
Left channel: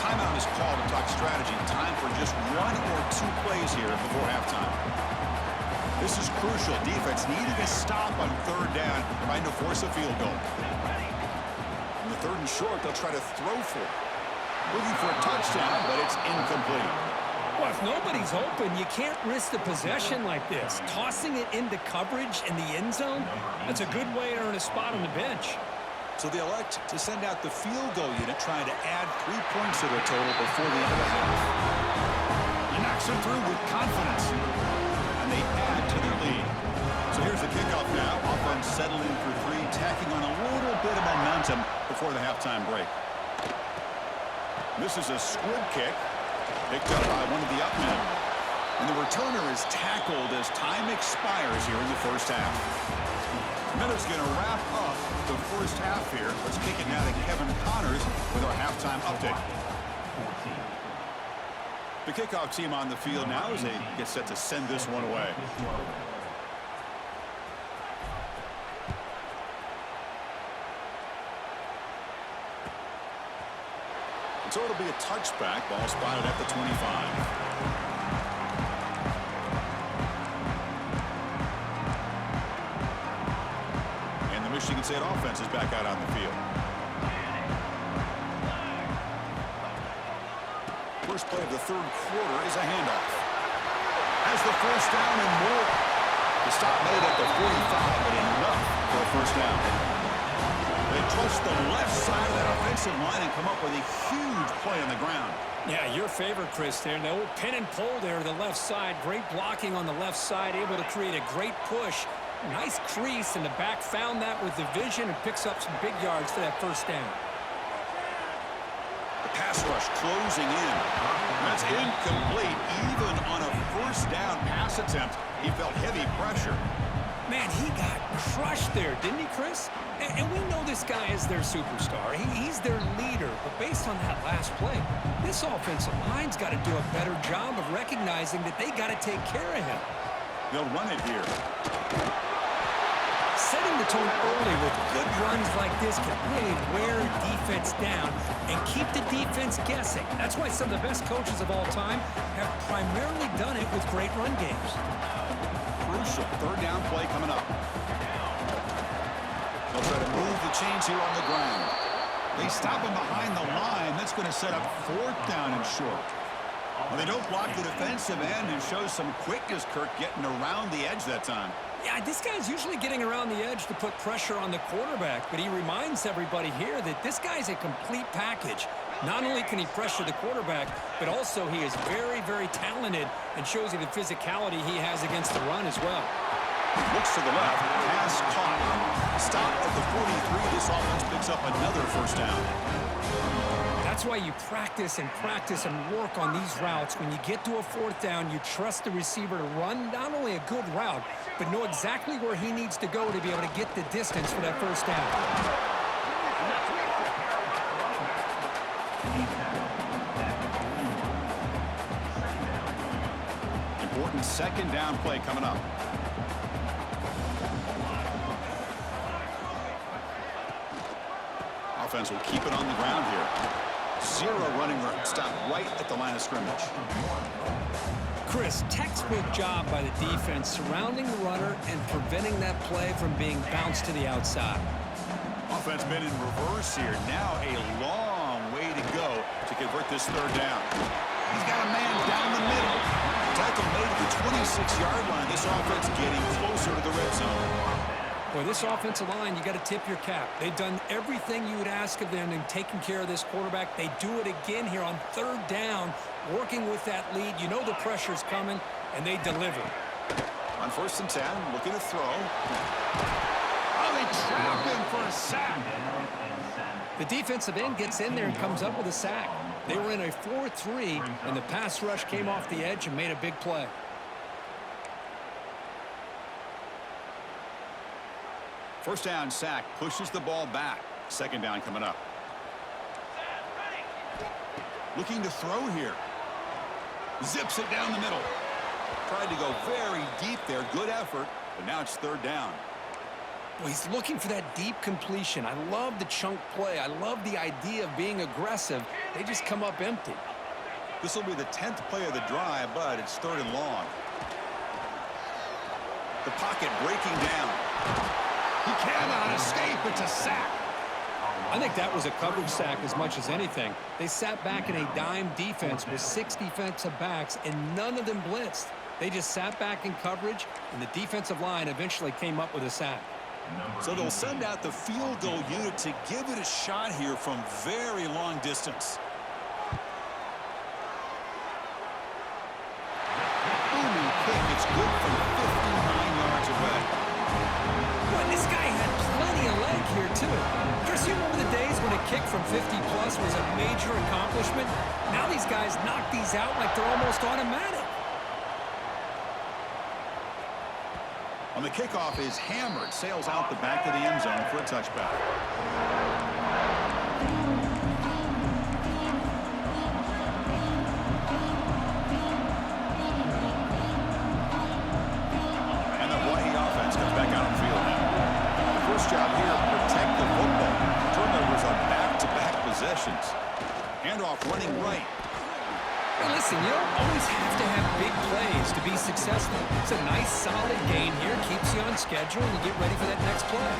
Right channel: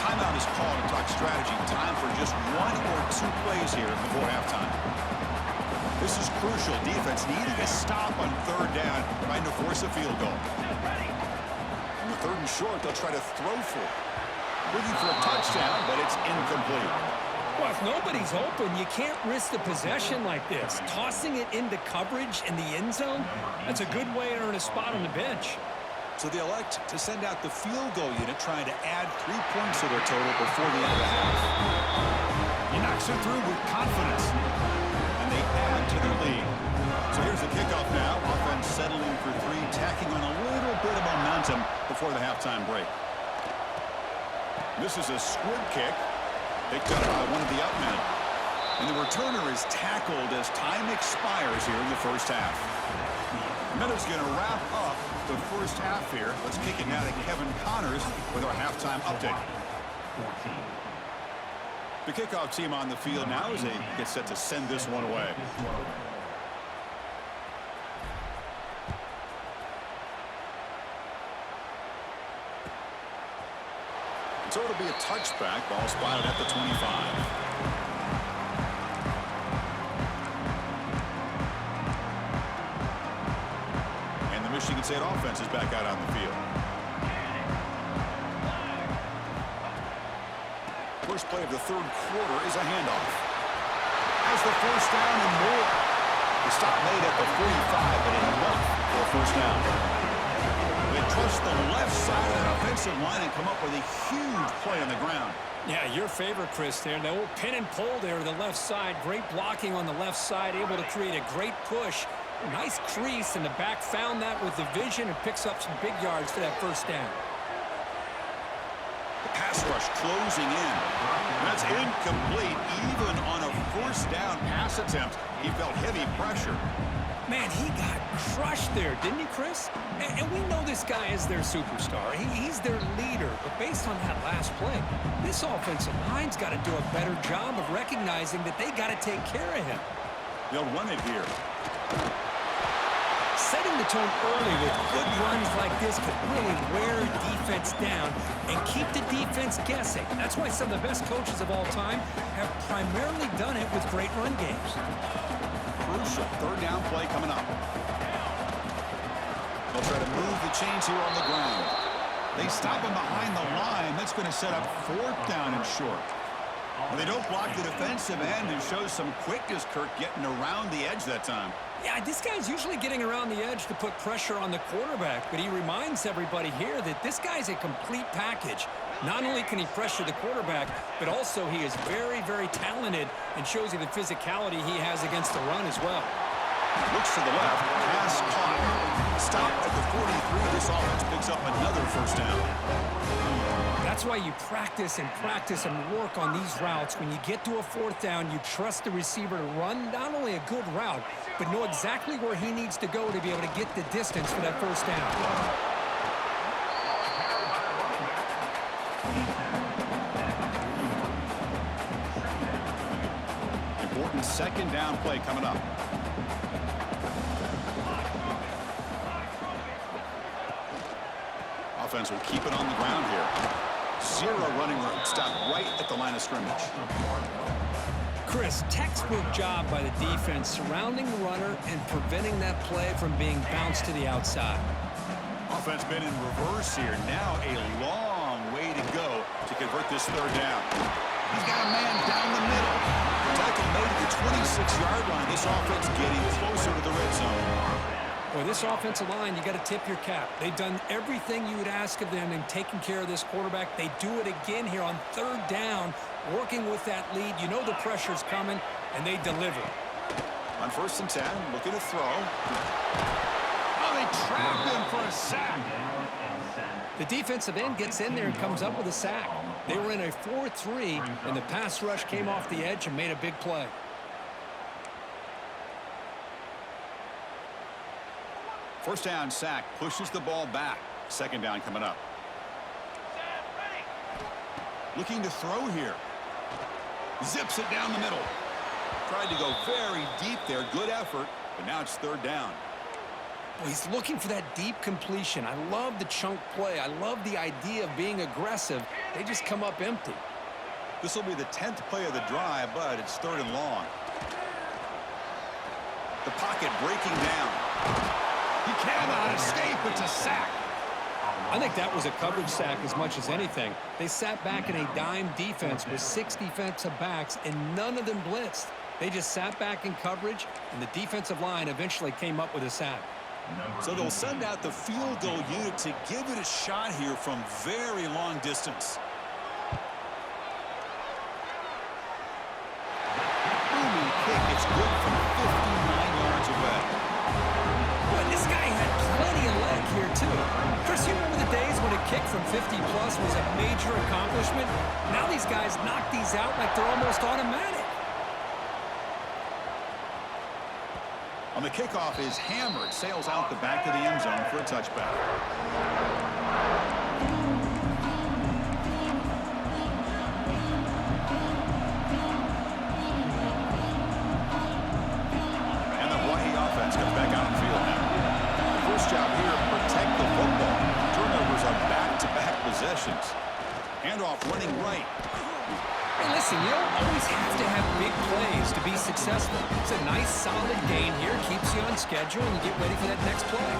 Timeout is called to talk strategy. Time for just 1 or 2 plays here before halftime. This is crucial. Defense needing a stop on 3rd down, trying to force a field goal. On the 3rd and short, they'll try to throw for it. Looking for a touchdown, but it's incomplete. Well, if nobody's open, you can't risk the possession like this. Tossing it into coverage in the end zone, that's a good way to earn a spot on the bench. So they elect to send out the field goal unit, trying to add 3 points to their total before the end of the half. He knocks it through with confidence, and they add to their lead. So here's the kickoff now. Offense settling for 3, tacking on a little bit of momentum before the halftime break. This is a squib kick, picked up by one of the up men. And the returner is tackled as time expires here in the first half. Minute's going to wrap up the first half here. Let's kick it now to Kevin Connors with our halftime update. The kickoff team on the field now as they get set to send this one away. So it'll be a touchback. Ball spotted at the 25. Michigan State offense is back out on the field. First play of the third quarter is a handoff. Has the first down and more. The stop made at the 45, but enough for a first down. They trust the left side of that offensive line and come up with a huge play on the ground. Yeah, your favorite, Chris, there. The old pin and pull there to the left side. Great blocking on the left side, able to create a great push. Nice crease, and the back found that with the vision and picks up some big yards for that first down. The pass rush closing in. That's incomplete. Even on a first down pass attempt, he felt heavy pressure. Man, he got crushed there, didn't he, Chris? And we know this guy is their superstar. He's their leader. But based on that last play, this offensive line's got to do a better job of recognizing that they got to take care of him. They'll run it here. Setting the tone early with good runs like this can really wear defense down and keep the defense guessing. That's why some of the best coaches of all time have primarily done it with great run games. Crucial third down play coming up. They'll try to move the chains here on the ground. They stop him behind the line. That's going to set up fourth down and short. Well, they don't block the defensive end and show some quickness, Kirk, getting around the edge that time. Yeah, this guy's usually getting around the edge to put pressure on the quarterback, but he reminds everybody here that this guy's a complete package. Not only can he pressure the quarterback, but also he is very, very talented and shows you the physicality he has against the run as well. Looks to the left, pass caught. Stopped at the 43. This offense picks up another first down. That's why you practice and work on these routes. When you get to a fourth down, you trust the receiver to run not only a good route, but know exactly where he needs to go to be able to get the distance for that first down. Important second down play coming up. Offense will keep it on the ground here. Zero running room. Stop right at the line of scrimmage. Chris, textbook job by the defense surrounding the runner and preventing that play from being bounced to the outside. Offense been in reverse here. Now a long way to go to convert this third down. He's got a man down the middle. Tackle made at the 26-yard line. This offense getting closer to the red zone. Boy, this offensive line, you got to tip your cap. They've done everything you would ask of them in taking care of this quarterback. They do it again here on third down, working with that lead. You know the pressure's coming, and they deliver. On 1st and 10, looking to throw. Oh, they trap him for a sack. The defensive end gets in there and comes up with a sack. They were in a 4-3, and the pass rush came off the edge and made a big play. First down sack pushes the ball back. Second down coming up. Looking to throw here. Zips it down the middle. Tried to go very deep there. Good effort, but now it's third down. Well, he's looking for that deep completion. I love the chunk play. I love the idea of being aggressive. They just come up empty. This will be the 10th play of the drive, but it's third and long. The pocket breaking down. He cannot escape. It's a sack. I think that was a coverage sack as much as anything. They sat back in a dime defense with 6 defensive backs, and none of them blitzed. They just sat back in coverage, and the defensive line eventually came up with a sack. So they'll send out the field goal unit to give it a shot here from very long distance. Booming kick. It's good from 59 yards away. Boy, this guy had plenty of leg here, too. Chris, you remember the days when a kick from 50-plus was a major accomplishment? Now these guys knock these out like they're almost automatic. On the kickoff is hammered. Sails out the back of the end zone for a touchback. possessions. Handoff running right. Hey, listen, you don't always have to have big plays to be successful. It's a nice, solid gain here. Keeps you on schedule, and you get ready for that next play.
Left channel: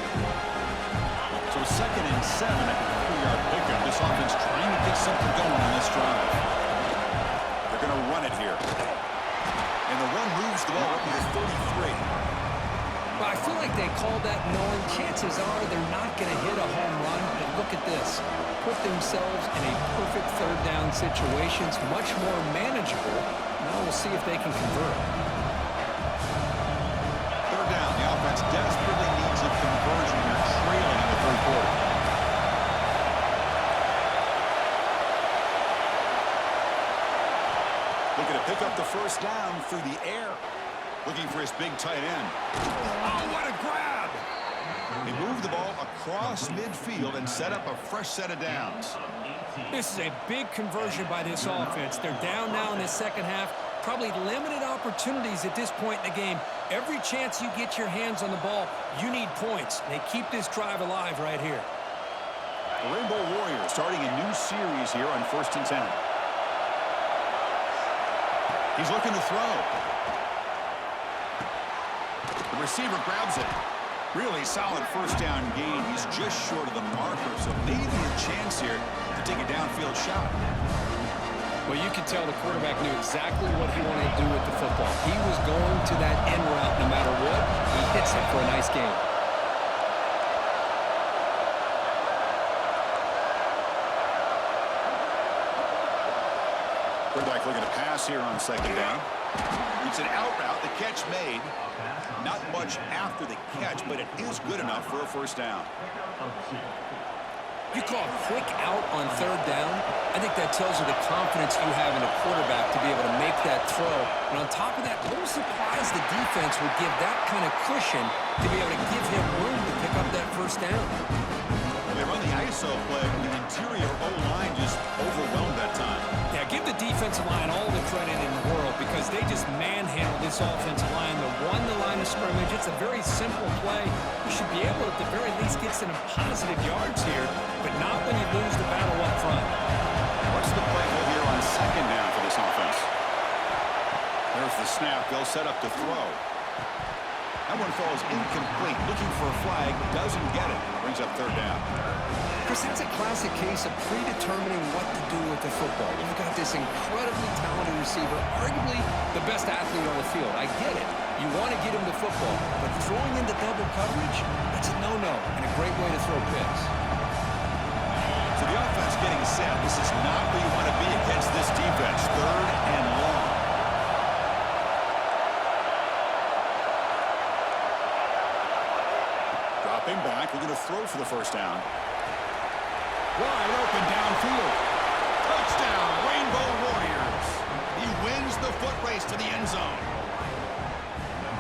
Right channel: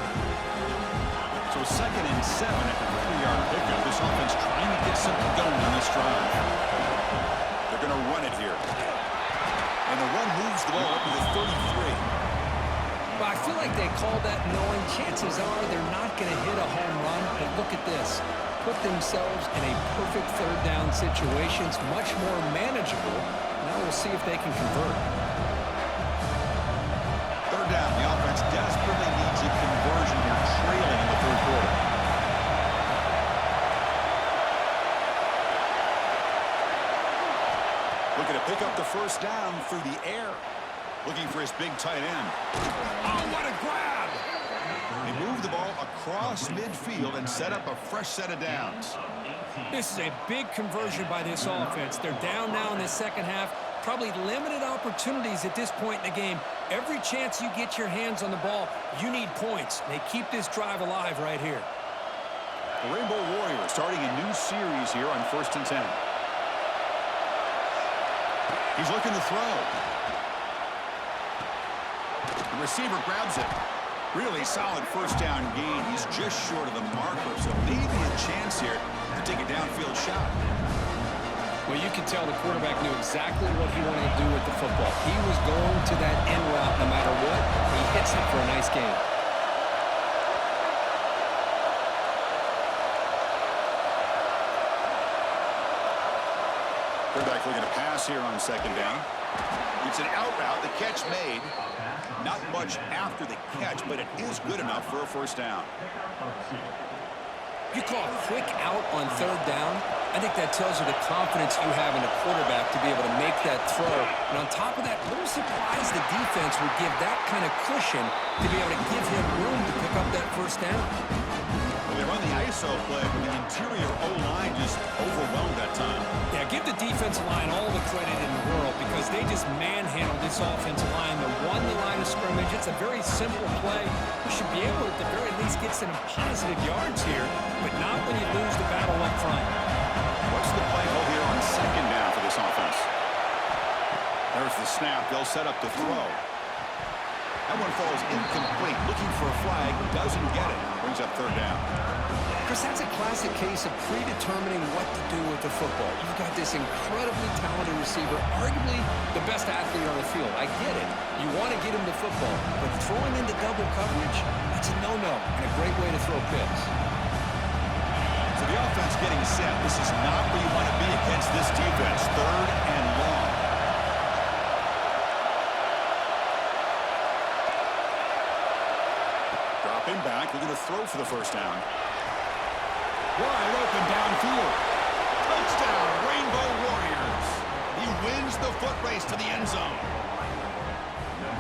So 2nd and 7 at the 3-yard pickup. This offense trying to get something going on this drive. They're going to run it here. And the run moves the ball up to the 33. Well, I feel like they called that knowing chances are they're not going to hit a home run. But look at this. Put themselves in a perfect 3rd down situation. It's much more manageable. Now we'll see if they can convert. 3rd down. The offense desperately needs a conversion here, trailing in the 3rd quarter. Looking to pick up the 1st down through the air. Looking for his big tight end. Oh, what a grab! They move the ball across midfield and set up a fresh set of downs. This is a big conversion by this offense. They're down now in the 2nd half. Probably limited opportunities at this point in the game. Every chance you get your hands on the ball, you need points. They keep this drive alive right here. The Rainbow Warriors starting a new series here on 1st and 10. He's looking to throw. The receiver grabs it. Really solid 1st down gain. He's just short of the marker, so maybe a chance here to take a downfield shot. Well, you could tell the quarterback knew exactly what he wanted to do with the football. He was going to that end route no matter what. He hits it for a nice gain. Quarterback looking to pass here on 2nd down. It's an out route. The catch made. Not much after the catch, but it is good enough for a 1st down. You call a quick out on 3rd down. I think that tells you the confidence you have in a quarterback to be able to make that throw. And on top of that, a little surprised the defense would give that kind of cushion to be able to give him room to pick up that 1st down. Well, they run the ISO play, but the interior O-line just overwhelmed that time. Yeah, give the defensive line all the credit in the world because they just manhandled this offensive line. They won the line of scrimmage. It's a very simple play. You should be able to, at the very least, get some positive yards here, but not when you lose the battle up front. What's the play call here on 2nd down for this offense? There's the snap. They'll set up to throw. That one falls incomplete. Looking for a flag. Doesn't get it. Brings up 3rd down. Chris, that's a classic case of predetermining what to do with the football. You've got this incredibly talented receiver, arguably the best athlete on the field. I get it. You want to get him the football, but throwing into double coverage, that's a no-no and a great way to throw picks. So the offense getting set. This is not where you want to be against this defense. 3rd and long. Dropping back. We're going to throw for the 1st down. Wide open downfield. Touchdown, Rainbow Warriors. He wins the foot race to the end zone.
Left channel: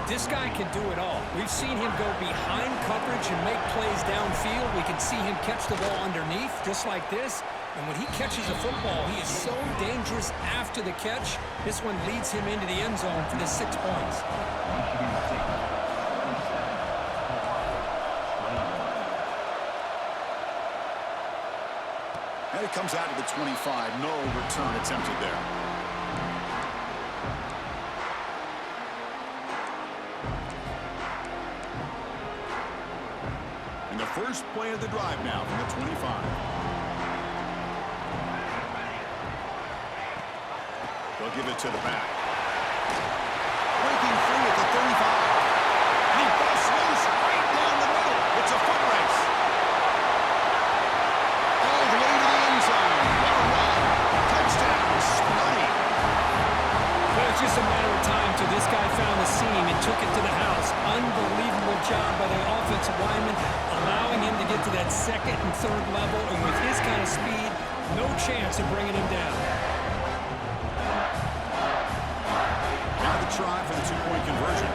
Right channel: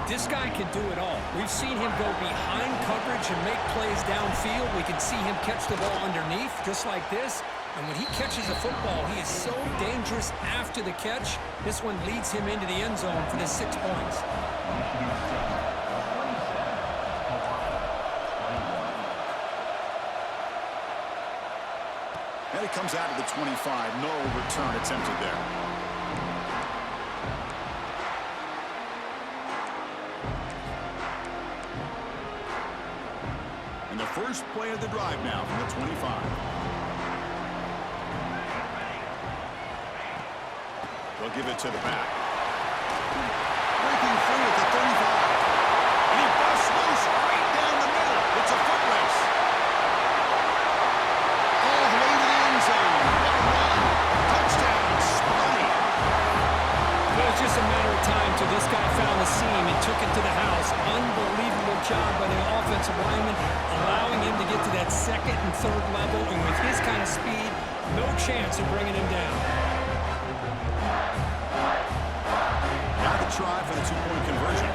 This guy can do it all. We've seen him go behind coverage and make plays downfield. We can see him catch the ball underneath, just like this. And when he catches a football, he is so dangerous after the catch. This one leads him into the end zone for the 6 points. And it comes out to the 25. No return attempted there. And the first play of the drive now from the 25. They'll give it to the back. Breaking free at the 35. And he busts loose right down the middle. It's a foot race. All the way to the end zone. What a run. Touchdown, Sparty. Well, it's just a matter of time till this guy found the seam and took it to the house. Unbelievable job by the offensive lineman, allowing him to get to that 2nd and 3rd level. And with his kind of speed, no chance of bringing him down. Now the try for the 2-point conversion.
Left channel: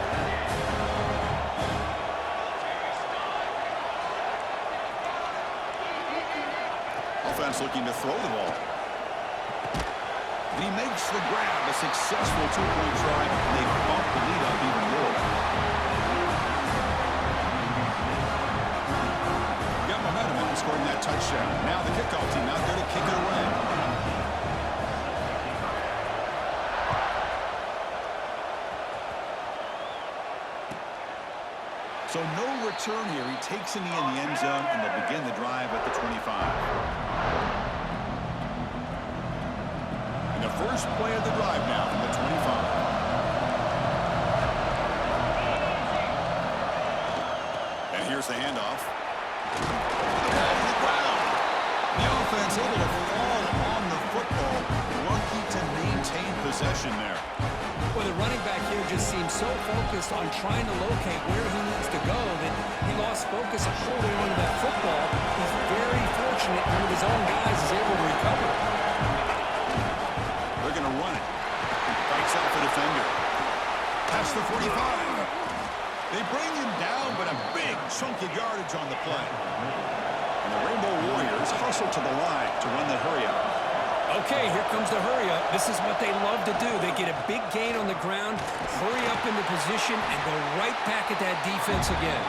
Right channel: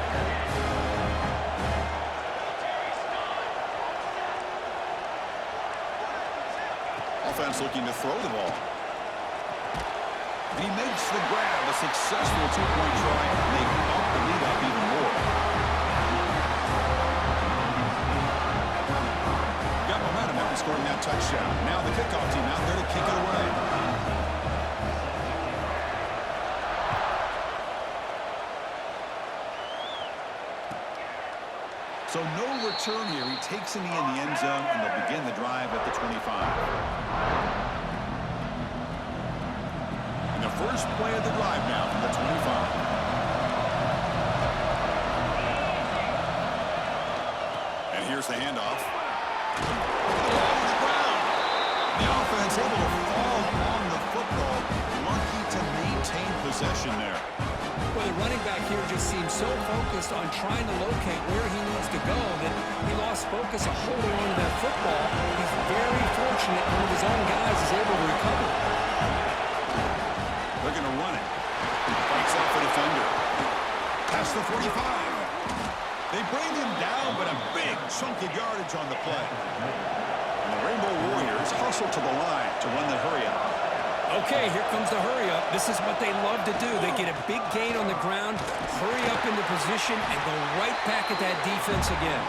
Offense looking to throw the ball. And he makes the grab, a successful 2-point try, and they bump the lead up even more. Got momentum in in scoring that touchdown. Now the kickoff team out there to kick it away. So no return here. He takes it in the end zone, and they'll begin the drive at the 25. And the first play of the drive now from the 25. And here's the handoff. The ball to the ground. The offense able to fall on the football. Lucky to maintain possession there. Well, the running back here just seems so focused on trying to locate where he needs to go that he lost focus of holding on to that football. He's very fortunate one of his own guys is able to recover. They're going to run it. Fights off a defender. Past the 45. They bring him down, but a big chunk of yardage on the play. And the Rainbow Warriors hustle to the line to run the hurry-up. Okay, here comes the hurry-up. This is what they love to do. They get a big gain on the ground, hurry up into position, and go right back at that defense again.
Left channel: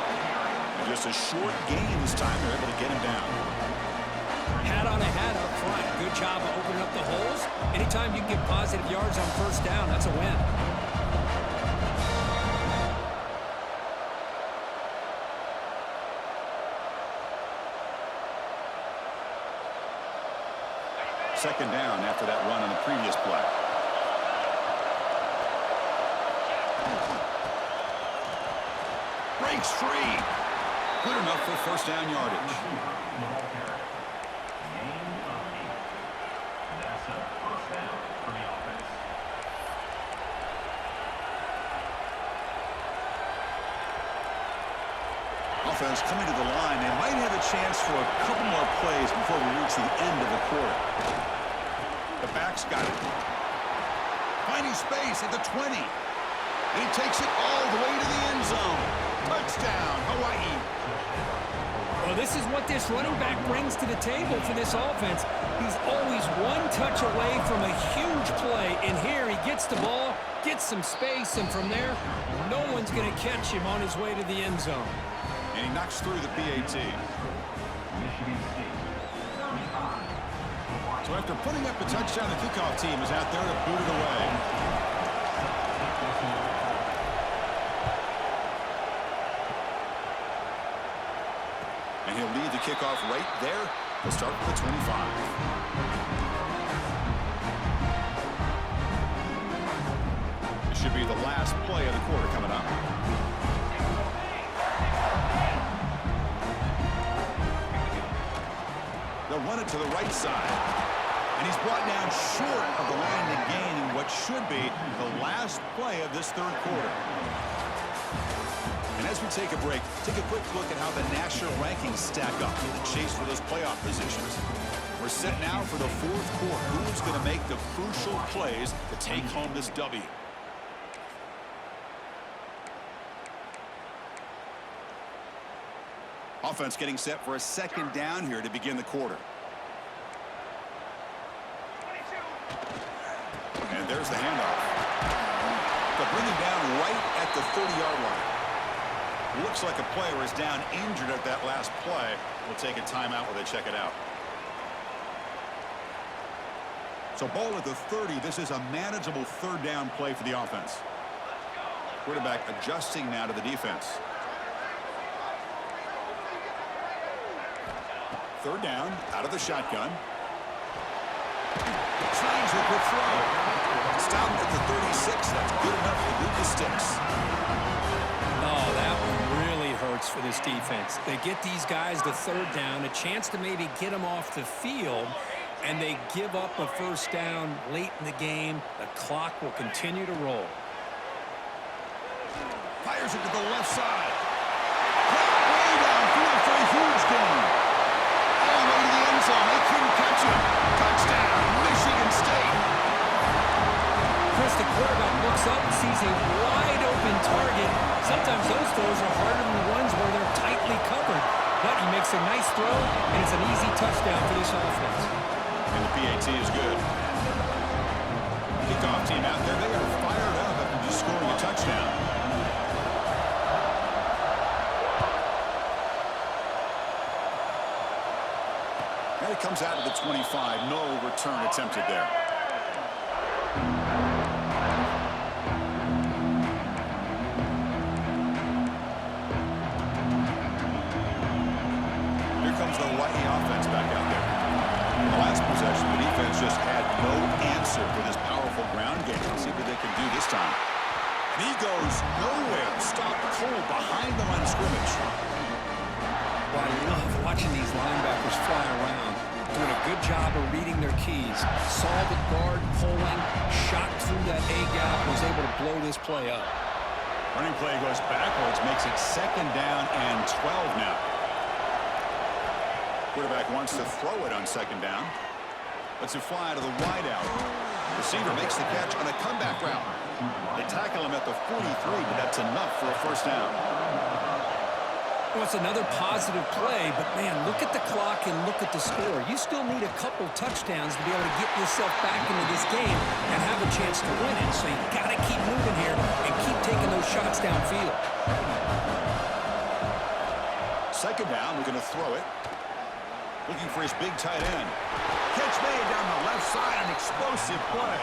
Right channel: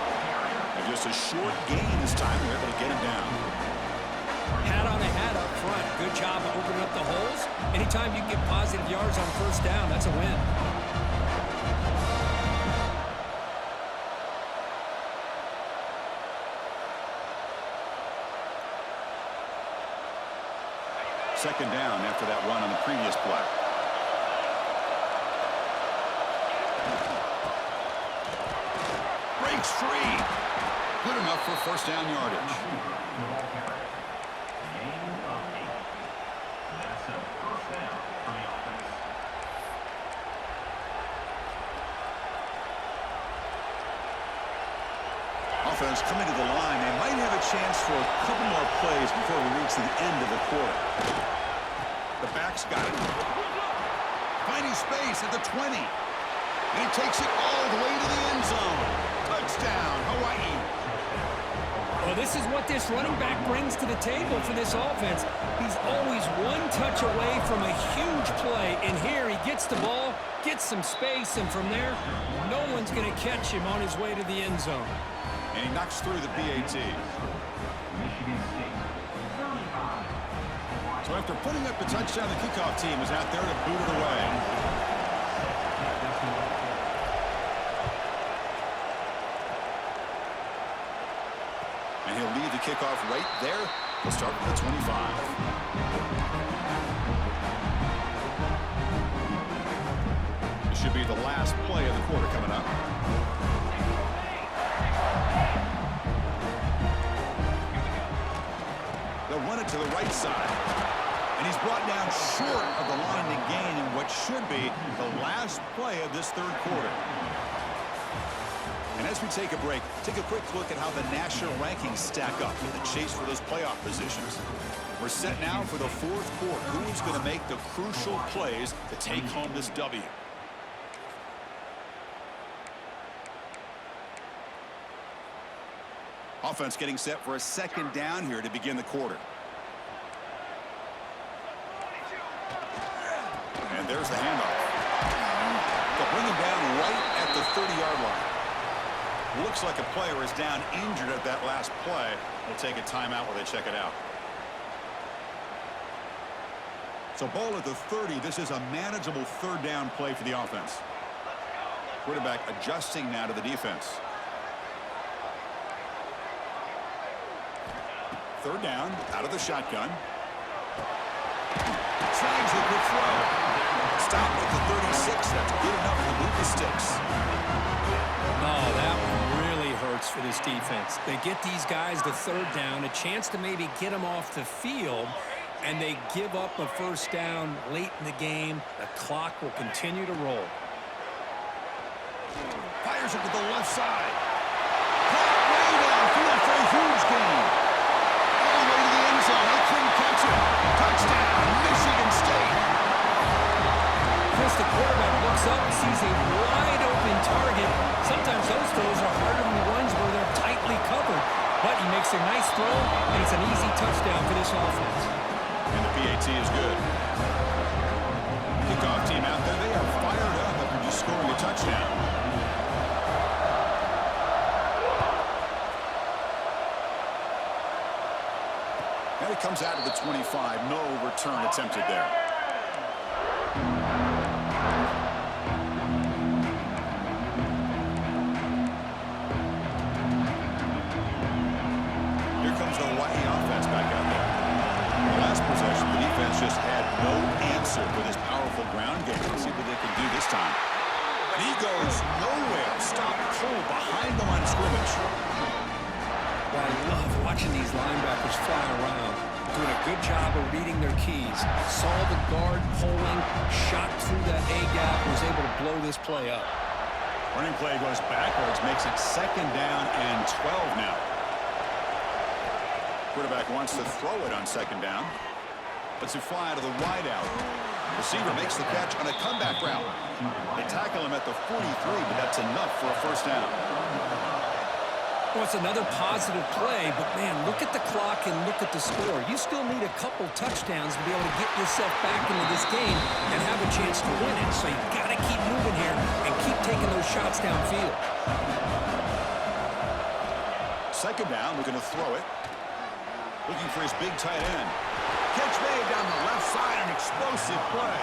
And just a short gain this time. They're able to get him down. Hat on a hat up front. Good job of opening up the holes. Anytime you can get positive yards on first down, that's a win. Second down after that run on the previous play. Breaks free. Good enough for first down yardage. Gain of 8. That's a first down for the offense. Offense coming to the line. They might have a chance for a couple more plays before we reach the end of the quarter. The back's got it. Finding space at the 20. And he takes it all the way to the end zone. Touchdown, Hawaii. Well, this is what this running back brings to the table for this offense. He's always one touch away from a huge play. And here he gets the ball, gets some space, and from there, no one's going to catch him on his way to the end zone. And he knocks through the PAT. Michigan State, 35. So after putting up the touchdown, the kickoff team is out there to boot it away. And he'll lead the kickoff right there. We'll start with the 25. This should be the last play of the quarter coming up. They'll run it to the right side. And he's brought down short of the line to gain in what should be the last play of this third quarter. And as we take a break, take a quick look at how the national rankings stack up in the chase for those playoff positions. We're set now for the fourth quarter. Who's going to make the crucial plays to take home this W? Offense getting set for a second down here to begin the quarter. And there's the handoff. They'll bring him down right at the 30-yard line. Looks like a player is down injured at that last play. We'll take a timeout while they check it out. So ball at the 30. This is a manageable third down play for the offense. Quarterback adjusting now to the defense. Third down, out of the shotgun. Tries the quick throw. Stop at the 36. That's good enough to move the sticks. Oh, that one really hurts for this defense. They get these guys the third down, a chance to maybe get them off the field, and they give up a first down late in the game. The clock will continue to roll. Fires it to the left side. Caught way downfield for a huge gain. All the way to the end zone. They couldn't catch him. Touchdown, Michigan State. Chris, the quarterback looks up and sees a wide-open target. Sometimes those throws are harder than the ones where they're tightly covered. But he makes a nice throw, and it's an easy touchdown for this offense. And the PAT is good. Kickoff team out there, they are fired up after just scoring a touchdown. comes out of the 25. No return attempted there. Here comes the Hawaii offense back out there. In the last possession, the defense just had no answer for this powerful ground game. Let's see what they can do this time. And he goes nowhere. Stop cold behind the line of scrimmage. Well, I love watching these linebackers fly around, doing a good job of reading their keys. Saw the guard pulling, shot through that A-gap, was able to blow this play up. Running play goes backwards, makes it 2nd down and 12 now. Quarterback wants to throw it on 2nd down. Lets it fly to the wideout. Receiver makes the catch on a comeback route. They tackle him at the 43, but that's enough for a 1st down. Well, it's another positive play, but, man, look at the clock and look at the score. You still need a couple touchdowns to be able to get yourself back into this game and have a chance to win it. So you've got to keep moving here and keep taking those shots downfield. 2nd down, looking to throw it. Looking for his big tight end. Catch made down the left side, an explosive play.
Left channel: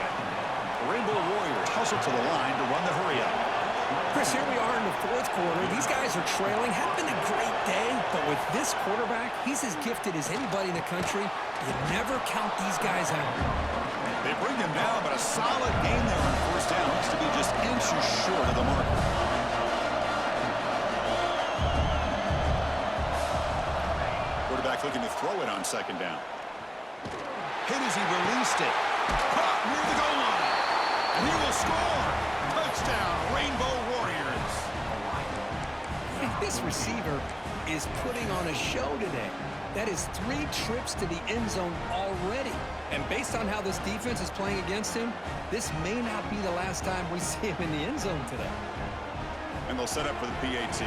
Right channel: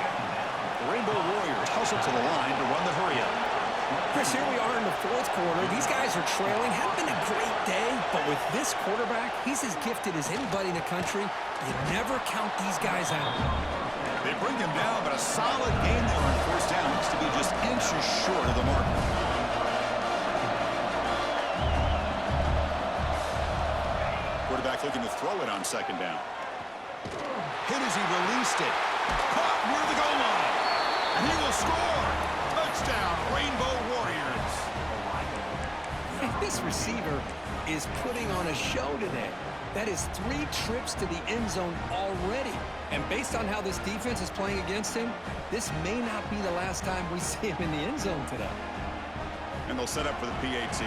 The Rainbow Warriors hustle to the line to run the hurry-up. Chris, here we are in the 4th quarter. These guys are trailing. Hadn't been a great day, but with this quarterback, he's as gifted as anybody in the country. You never count these guys out. They bring him down, but a solid gain there on 1st down. Looks to be just inches short of the marker. Quarterback looking to throw it on 2nd down. Hit as he released it. Caught near the goal line. And he will score. Touchdown, Rainbow Warriors. This receiver is putting on a show today. That is 3 trips to the end zone already. And based on how this defense is playing against him, this may not be the last time we see him in the end zone today. And they'll set up for the PAT.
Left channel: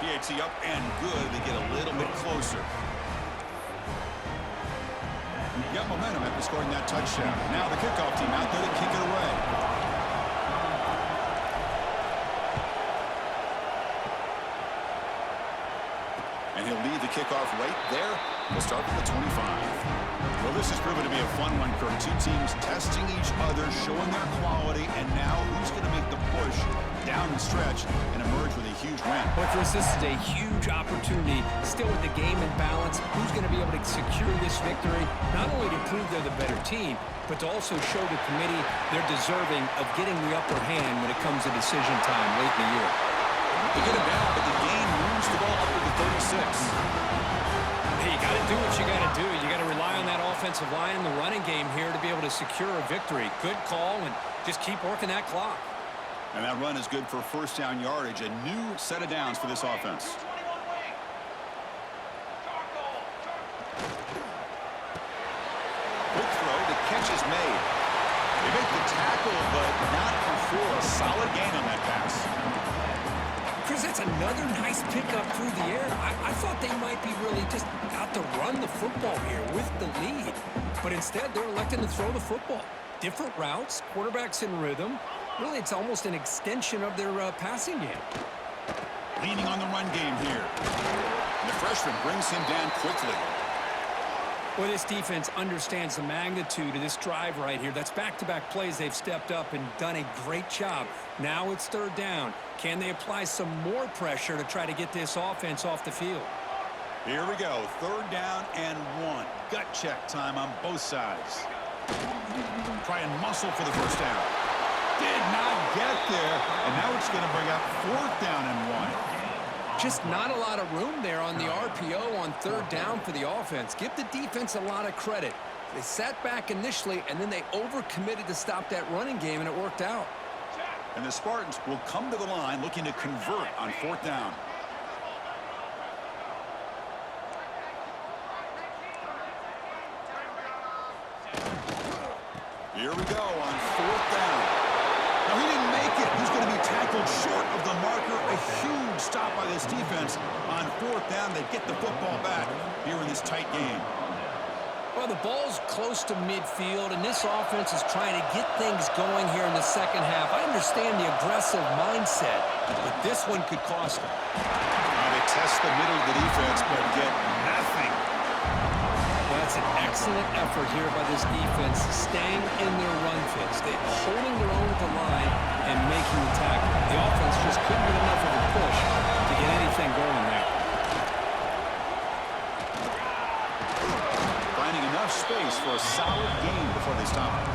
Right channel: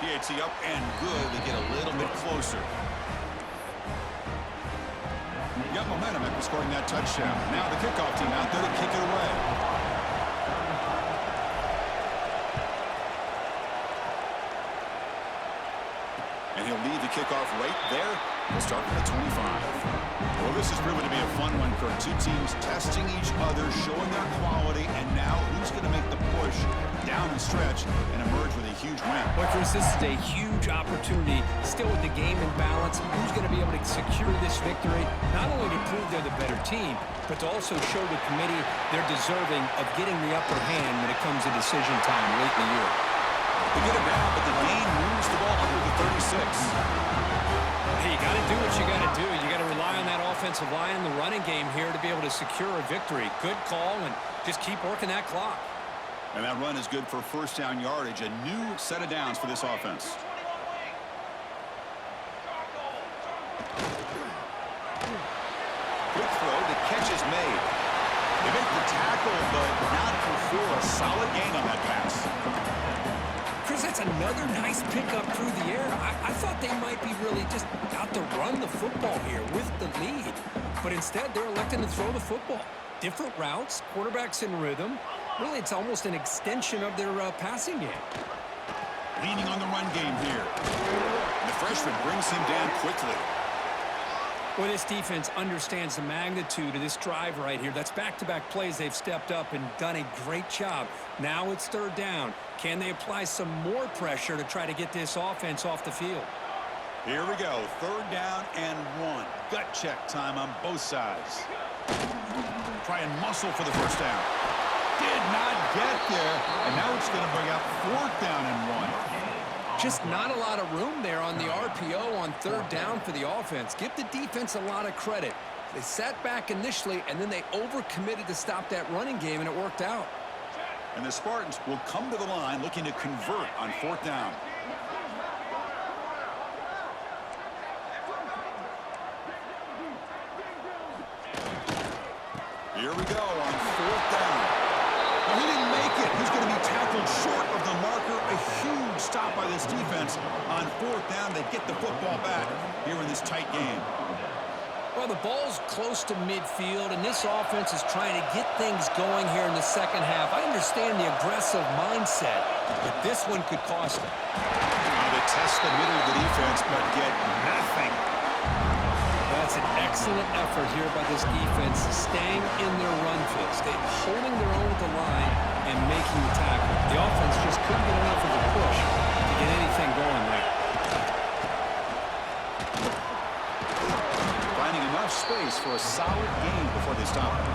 PAT up and good. They get a little bit closer. Got momentum after scoring that touchdown. Now the kickoff team out there to kick it away. And he'll leave the kickoff right there. We'll start from the 25. Well, this has proven to be a fun one, Kirk. 2 teams testing each other, showing their quality, and now who's going to make the push down the stretch and emerge with a huge win? Boy, Chris, this is a huge opportunity. Still with the game in balance, who's going to be able to secure this victory, not only to prove they're the better team, but to also show the committee they're deserving of getting the upper hand when it comes to decision time late in the year. They get him down, but the gain moves the ball up to the 36. Hey, you got to do what you got to do. You got to rely on that offensive line and the running game here to be able to secure a victory. Good call, and just keep working that clock. And that run is good for 1st down yardage. A new set of downs for this offense. Quick throw. The catch is made. They make the tackle, but not before a solid gain on that pass. Chris, that's another nice pickup through the air. I thought they might be really just out to run the football here with the lead. But instead, they're electing to throw the football. Different routes, quarterbacks in rhythm. Really, it's almost an extension of their passing game. Leaning on the run game here. And the freshman brings him down quickly. Well, this defense understands the magnitude of this drive right here. That's back-to-back plays. They've stepped up and done a great job. Now it's 3rd down. Can they apply some more pressure to try to get this offense off the field? Here we go. 3rd down and 1. Gut check time on both sides. Try and muscle for the 1st down. Did not get there. And now it's going to bring up 4th down and 1. Just not a lot of room there on the RPO on 3rd down for the offense. Give the defense a lot of credit. They sat back initially, and then they overcommitted to stop that running game, and it worked out. And the Spartans will come to the line looking to convert on 4th down. Here we go on 4th down. Now, he didn't make it. He's going to be tackled short of the marker. A huge stop by this defense on 4th down. They get the football back here in this tight game. Well, the ball's close to midfield, and this offense is trying to get things going here in the second half. I understand the aggressive mindset, but this one could cost them. They test the middle of the defense, but get nothing. That's an excellent effort here by this defense, staying in their run fits. They're holding their own at the line and making the tackle. The offense just couldn't get enough of a push to get anything going there. Finding enough space for a solid gain before they stop him.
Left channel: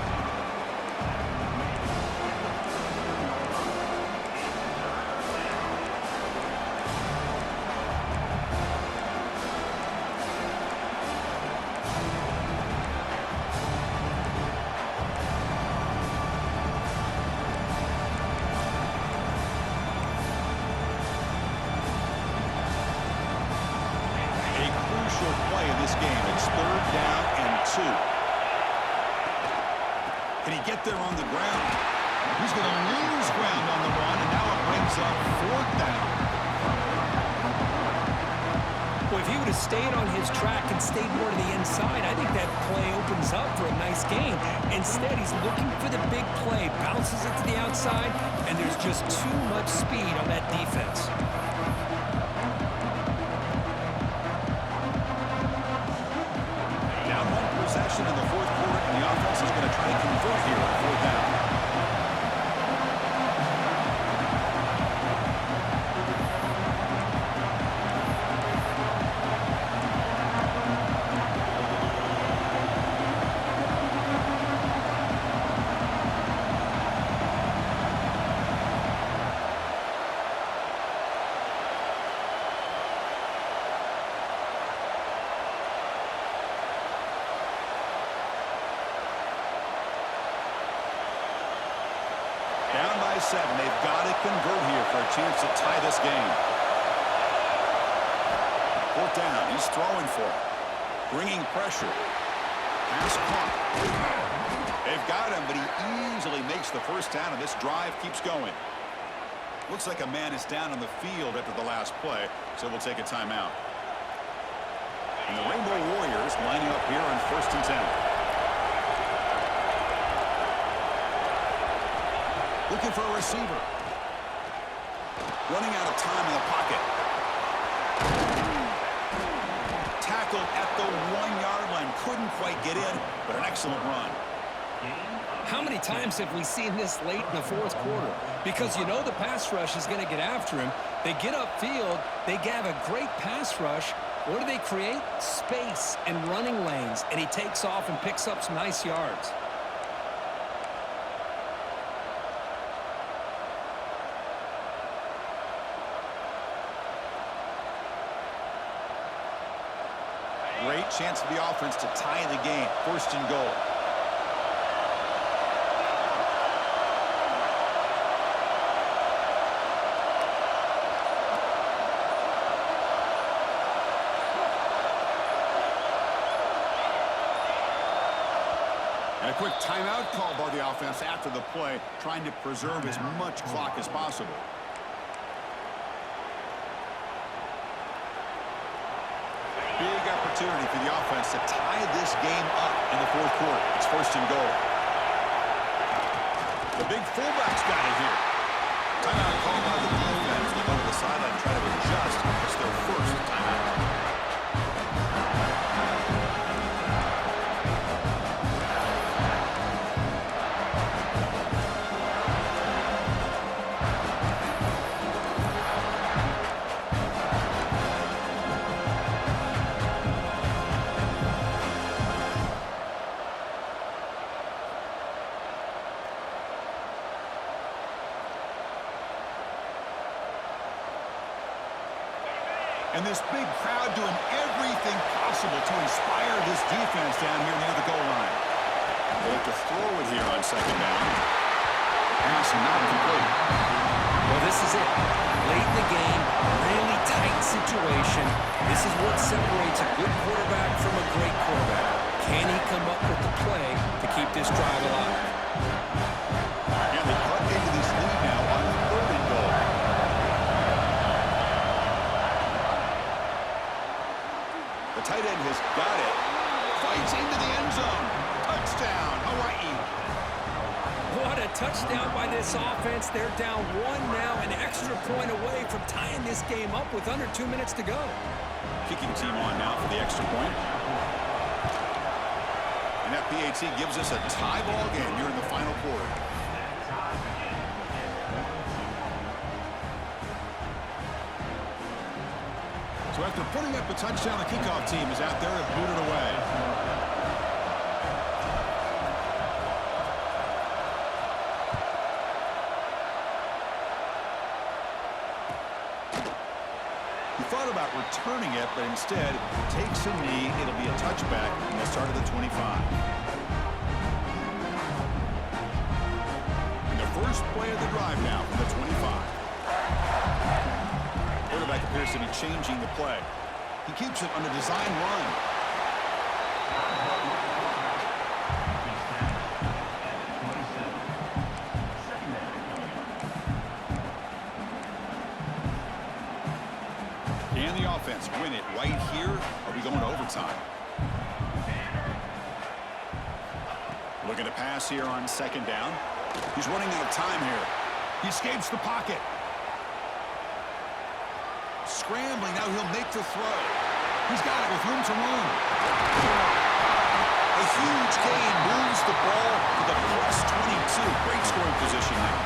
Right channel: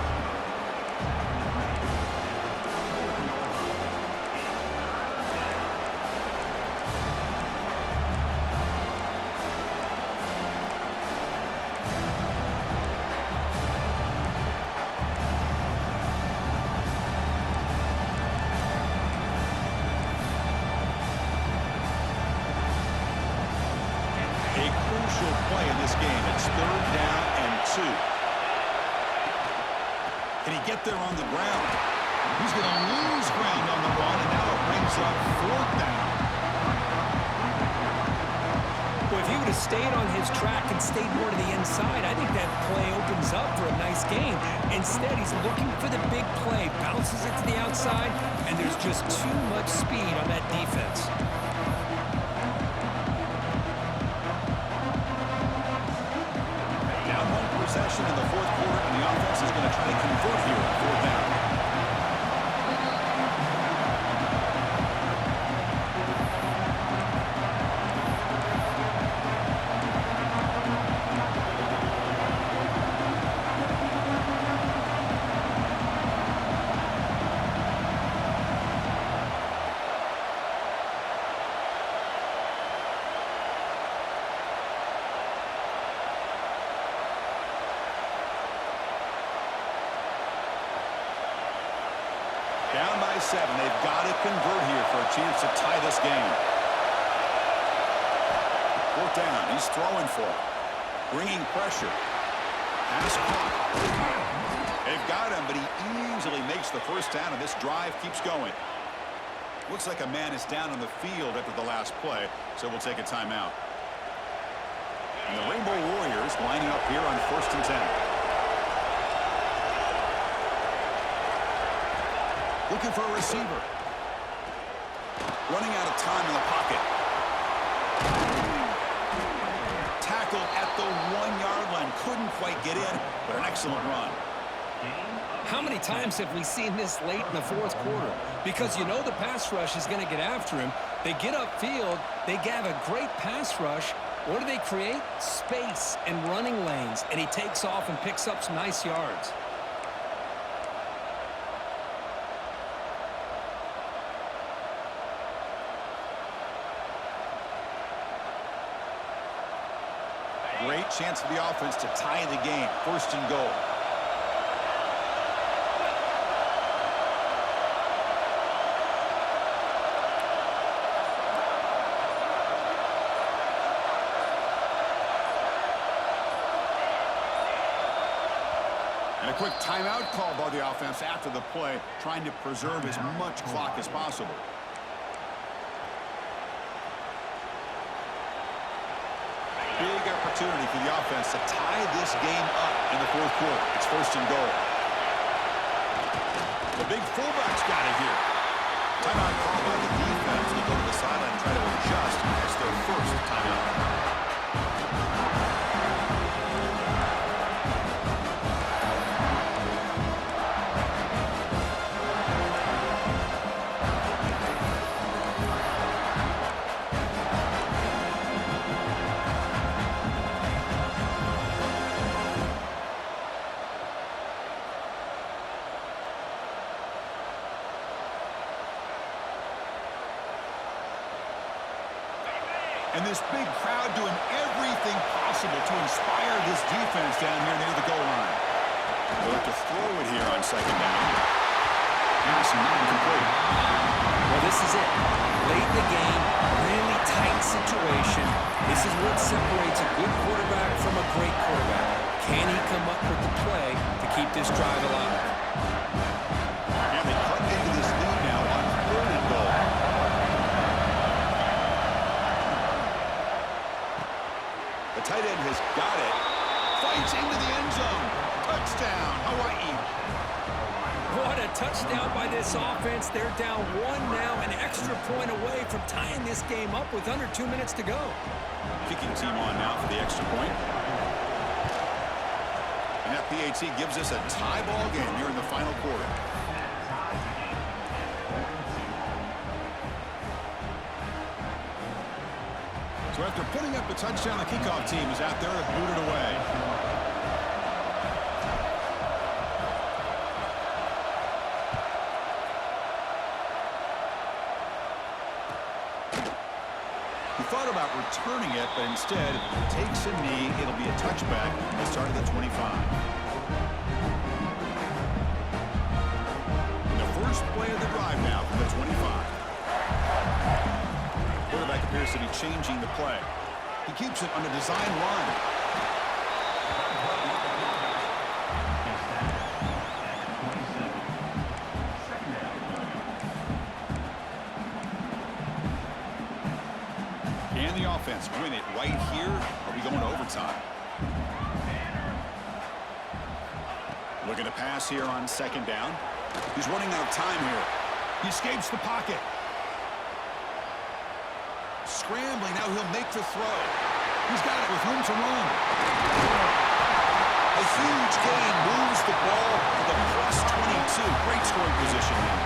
A crucial play in this game. It's 3rd down and 2. Can he get there on the ground? He's going to lose ground on the run, and now it brings up 4th down. Well, if he would have stayed on his track and stayed more to the inside, I think that play opens up for a nice game. Instead, he's looking for the big play, bounces it to the outside, and there's just too much speed on that defense. Down 1 possession in the 4th quarter, and the offense is going to try to convert here on 4th down. Down by 7. They've got to convert here for a chance to tie this game. 4th down. He's throwing for it. Bringing pressure. Pass caught. They've got him, but he easily makes the 1st down, and this drive keeps going. Looks like a man is down on the field after the last play, so we'll take a timeout. And the Rainbow Warriors lining up here on 1st and 10. Looking for a receiver. Running out of time in the pocket. Tackled at the 1-yard line. Couldn't quite get in, but an excellent run. How many times have we seen this late in the 4th quarter? Because you know the pass rush is going to get after him. They get upfield. They have a great pass rush. What do they create? Space and running lanes. And he takes off and picks up some nice yards. Great chance for the offense to tie the game. 1st and goal. And a quick timeout call by the offense after the play, trying to preserve as much clock as possible. Big opportunity for the offense to tie this game up in the 4th quarter. It's 1st and goal. The big fullback's got it here. Timeout called by the defense. They'll go to the sideline and try to adjust. It's their 1st timeout. And this big crowd doing everything possible to inspire this defense down here near the goal line. They'll have to throw it here on 2nd down. Pass not complete. Well, this is it. Late in the game, really tight situation. This is what separates a good quarterback from a great quarterback. Can he come up with the play to keep this drive alive? And they cut into this lead now on 3rd and goal. The tight end has got it. fights into the end zone. Touchdown, Hawaii. What a touchdown by this offense. They're down 1 now, an extra point away from tying this game up with under 2 minutes to go. Kicking team on now for the extra point. And that PAT gives us a tie ball game here in the final quarter. So after putting up a touchdown, the kickoff team is out there to boot it away. He thought about returning it, but instead takes a knee. It'll be a touchback, and they'll start at the 25. And the first play of the drive now from the 25. Quarterback appears to be changing the play. He keeps it on a design run. Can the offense win it right here? Are we going to overtime? Looking to pass here on second down. He's running out of time here. He escapes the pocket. Scrambling, now he'll make the throw. He's got it with room to run. A huge gain moves the ball to the +22. Great scoring position now.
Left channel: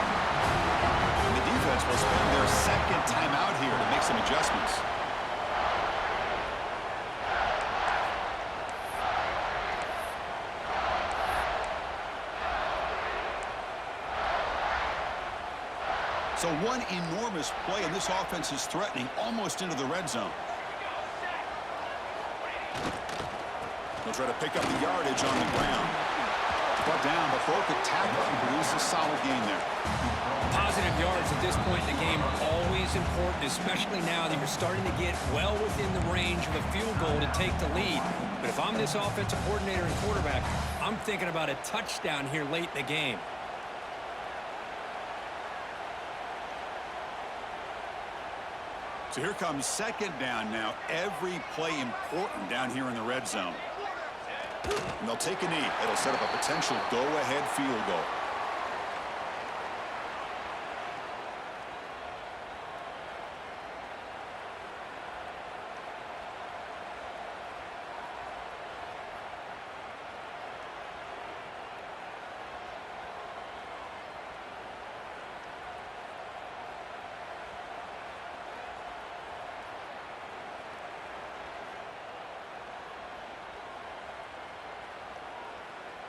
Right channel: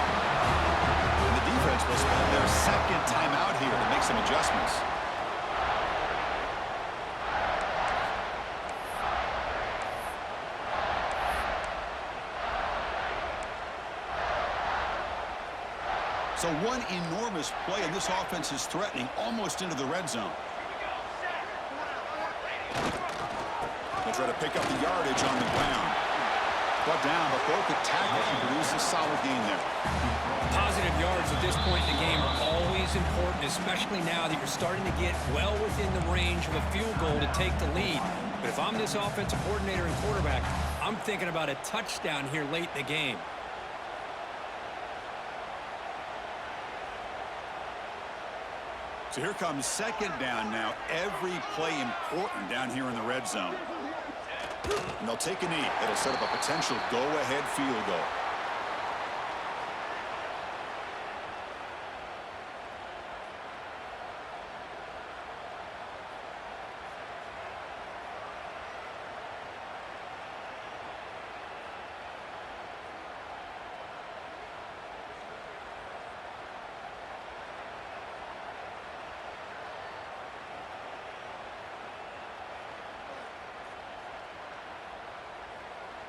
And the defense will spend their second timeout here to make some adjustments. So one enormous play, and this offense is threatening almost into the red zone. They'll try to pick up the yardage on the ground. Brought down, but broke the tackle and produce a solid gain there. Positive yards at this point in the game are always important, especially now that you're starting to get well within the range of a field goal to take the lead. But if I'm this offensive coordinator and quarterback, I'm thinking about a touchdown here late in the game. So here comes second down now. Every play important down here in the red zone. And they'll take a knee. It'll set up a potential go-ahead field goal.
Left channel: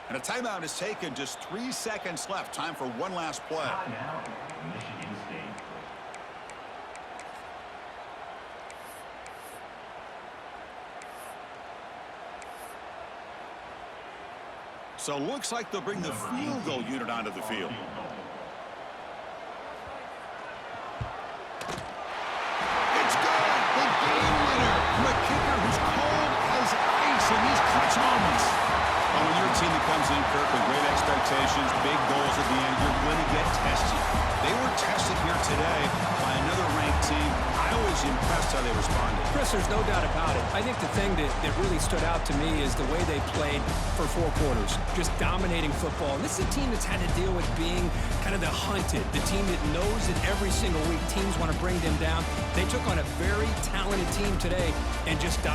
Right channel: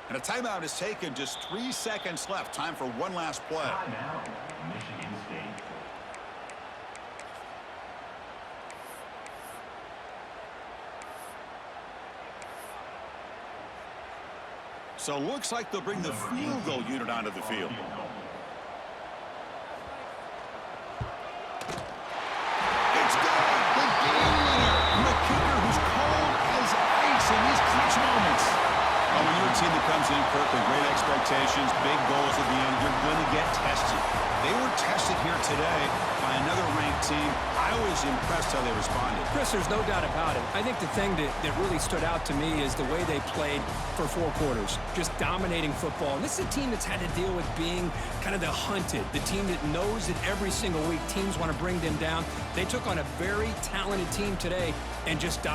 And a timeout is taken. Just 3 seconds left. Time for one last play. Timeout, Michigan State. So looks like they'll bring the field goal unit onto the field. It's good. The game winner from a kicker who's cold as ice in these clutch moments. Oh, when you're a team that comes in, Kirk, with great expectations, big goals at the end, you're going to get tested. They were tested here today by another ranked team. I was impressed how they responded. Chris, there's no doubt about it. I think the thing that really stood out to me is the way they played for 4 quarters, just dominating football. And this is a team that's had to deal with being kind of the hunted, the team that knows that every single week teams want to bring them down. They took on a very talented team today and just dominated.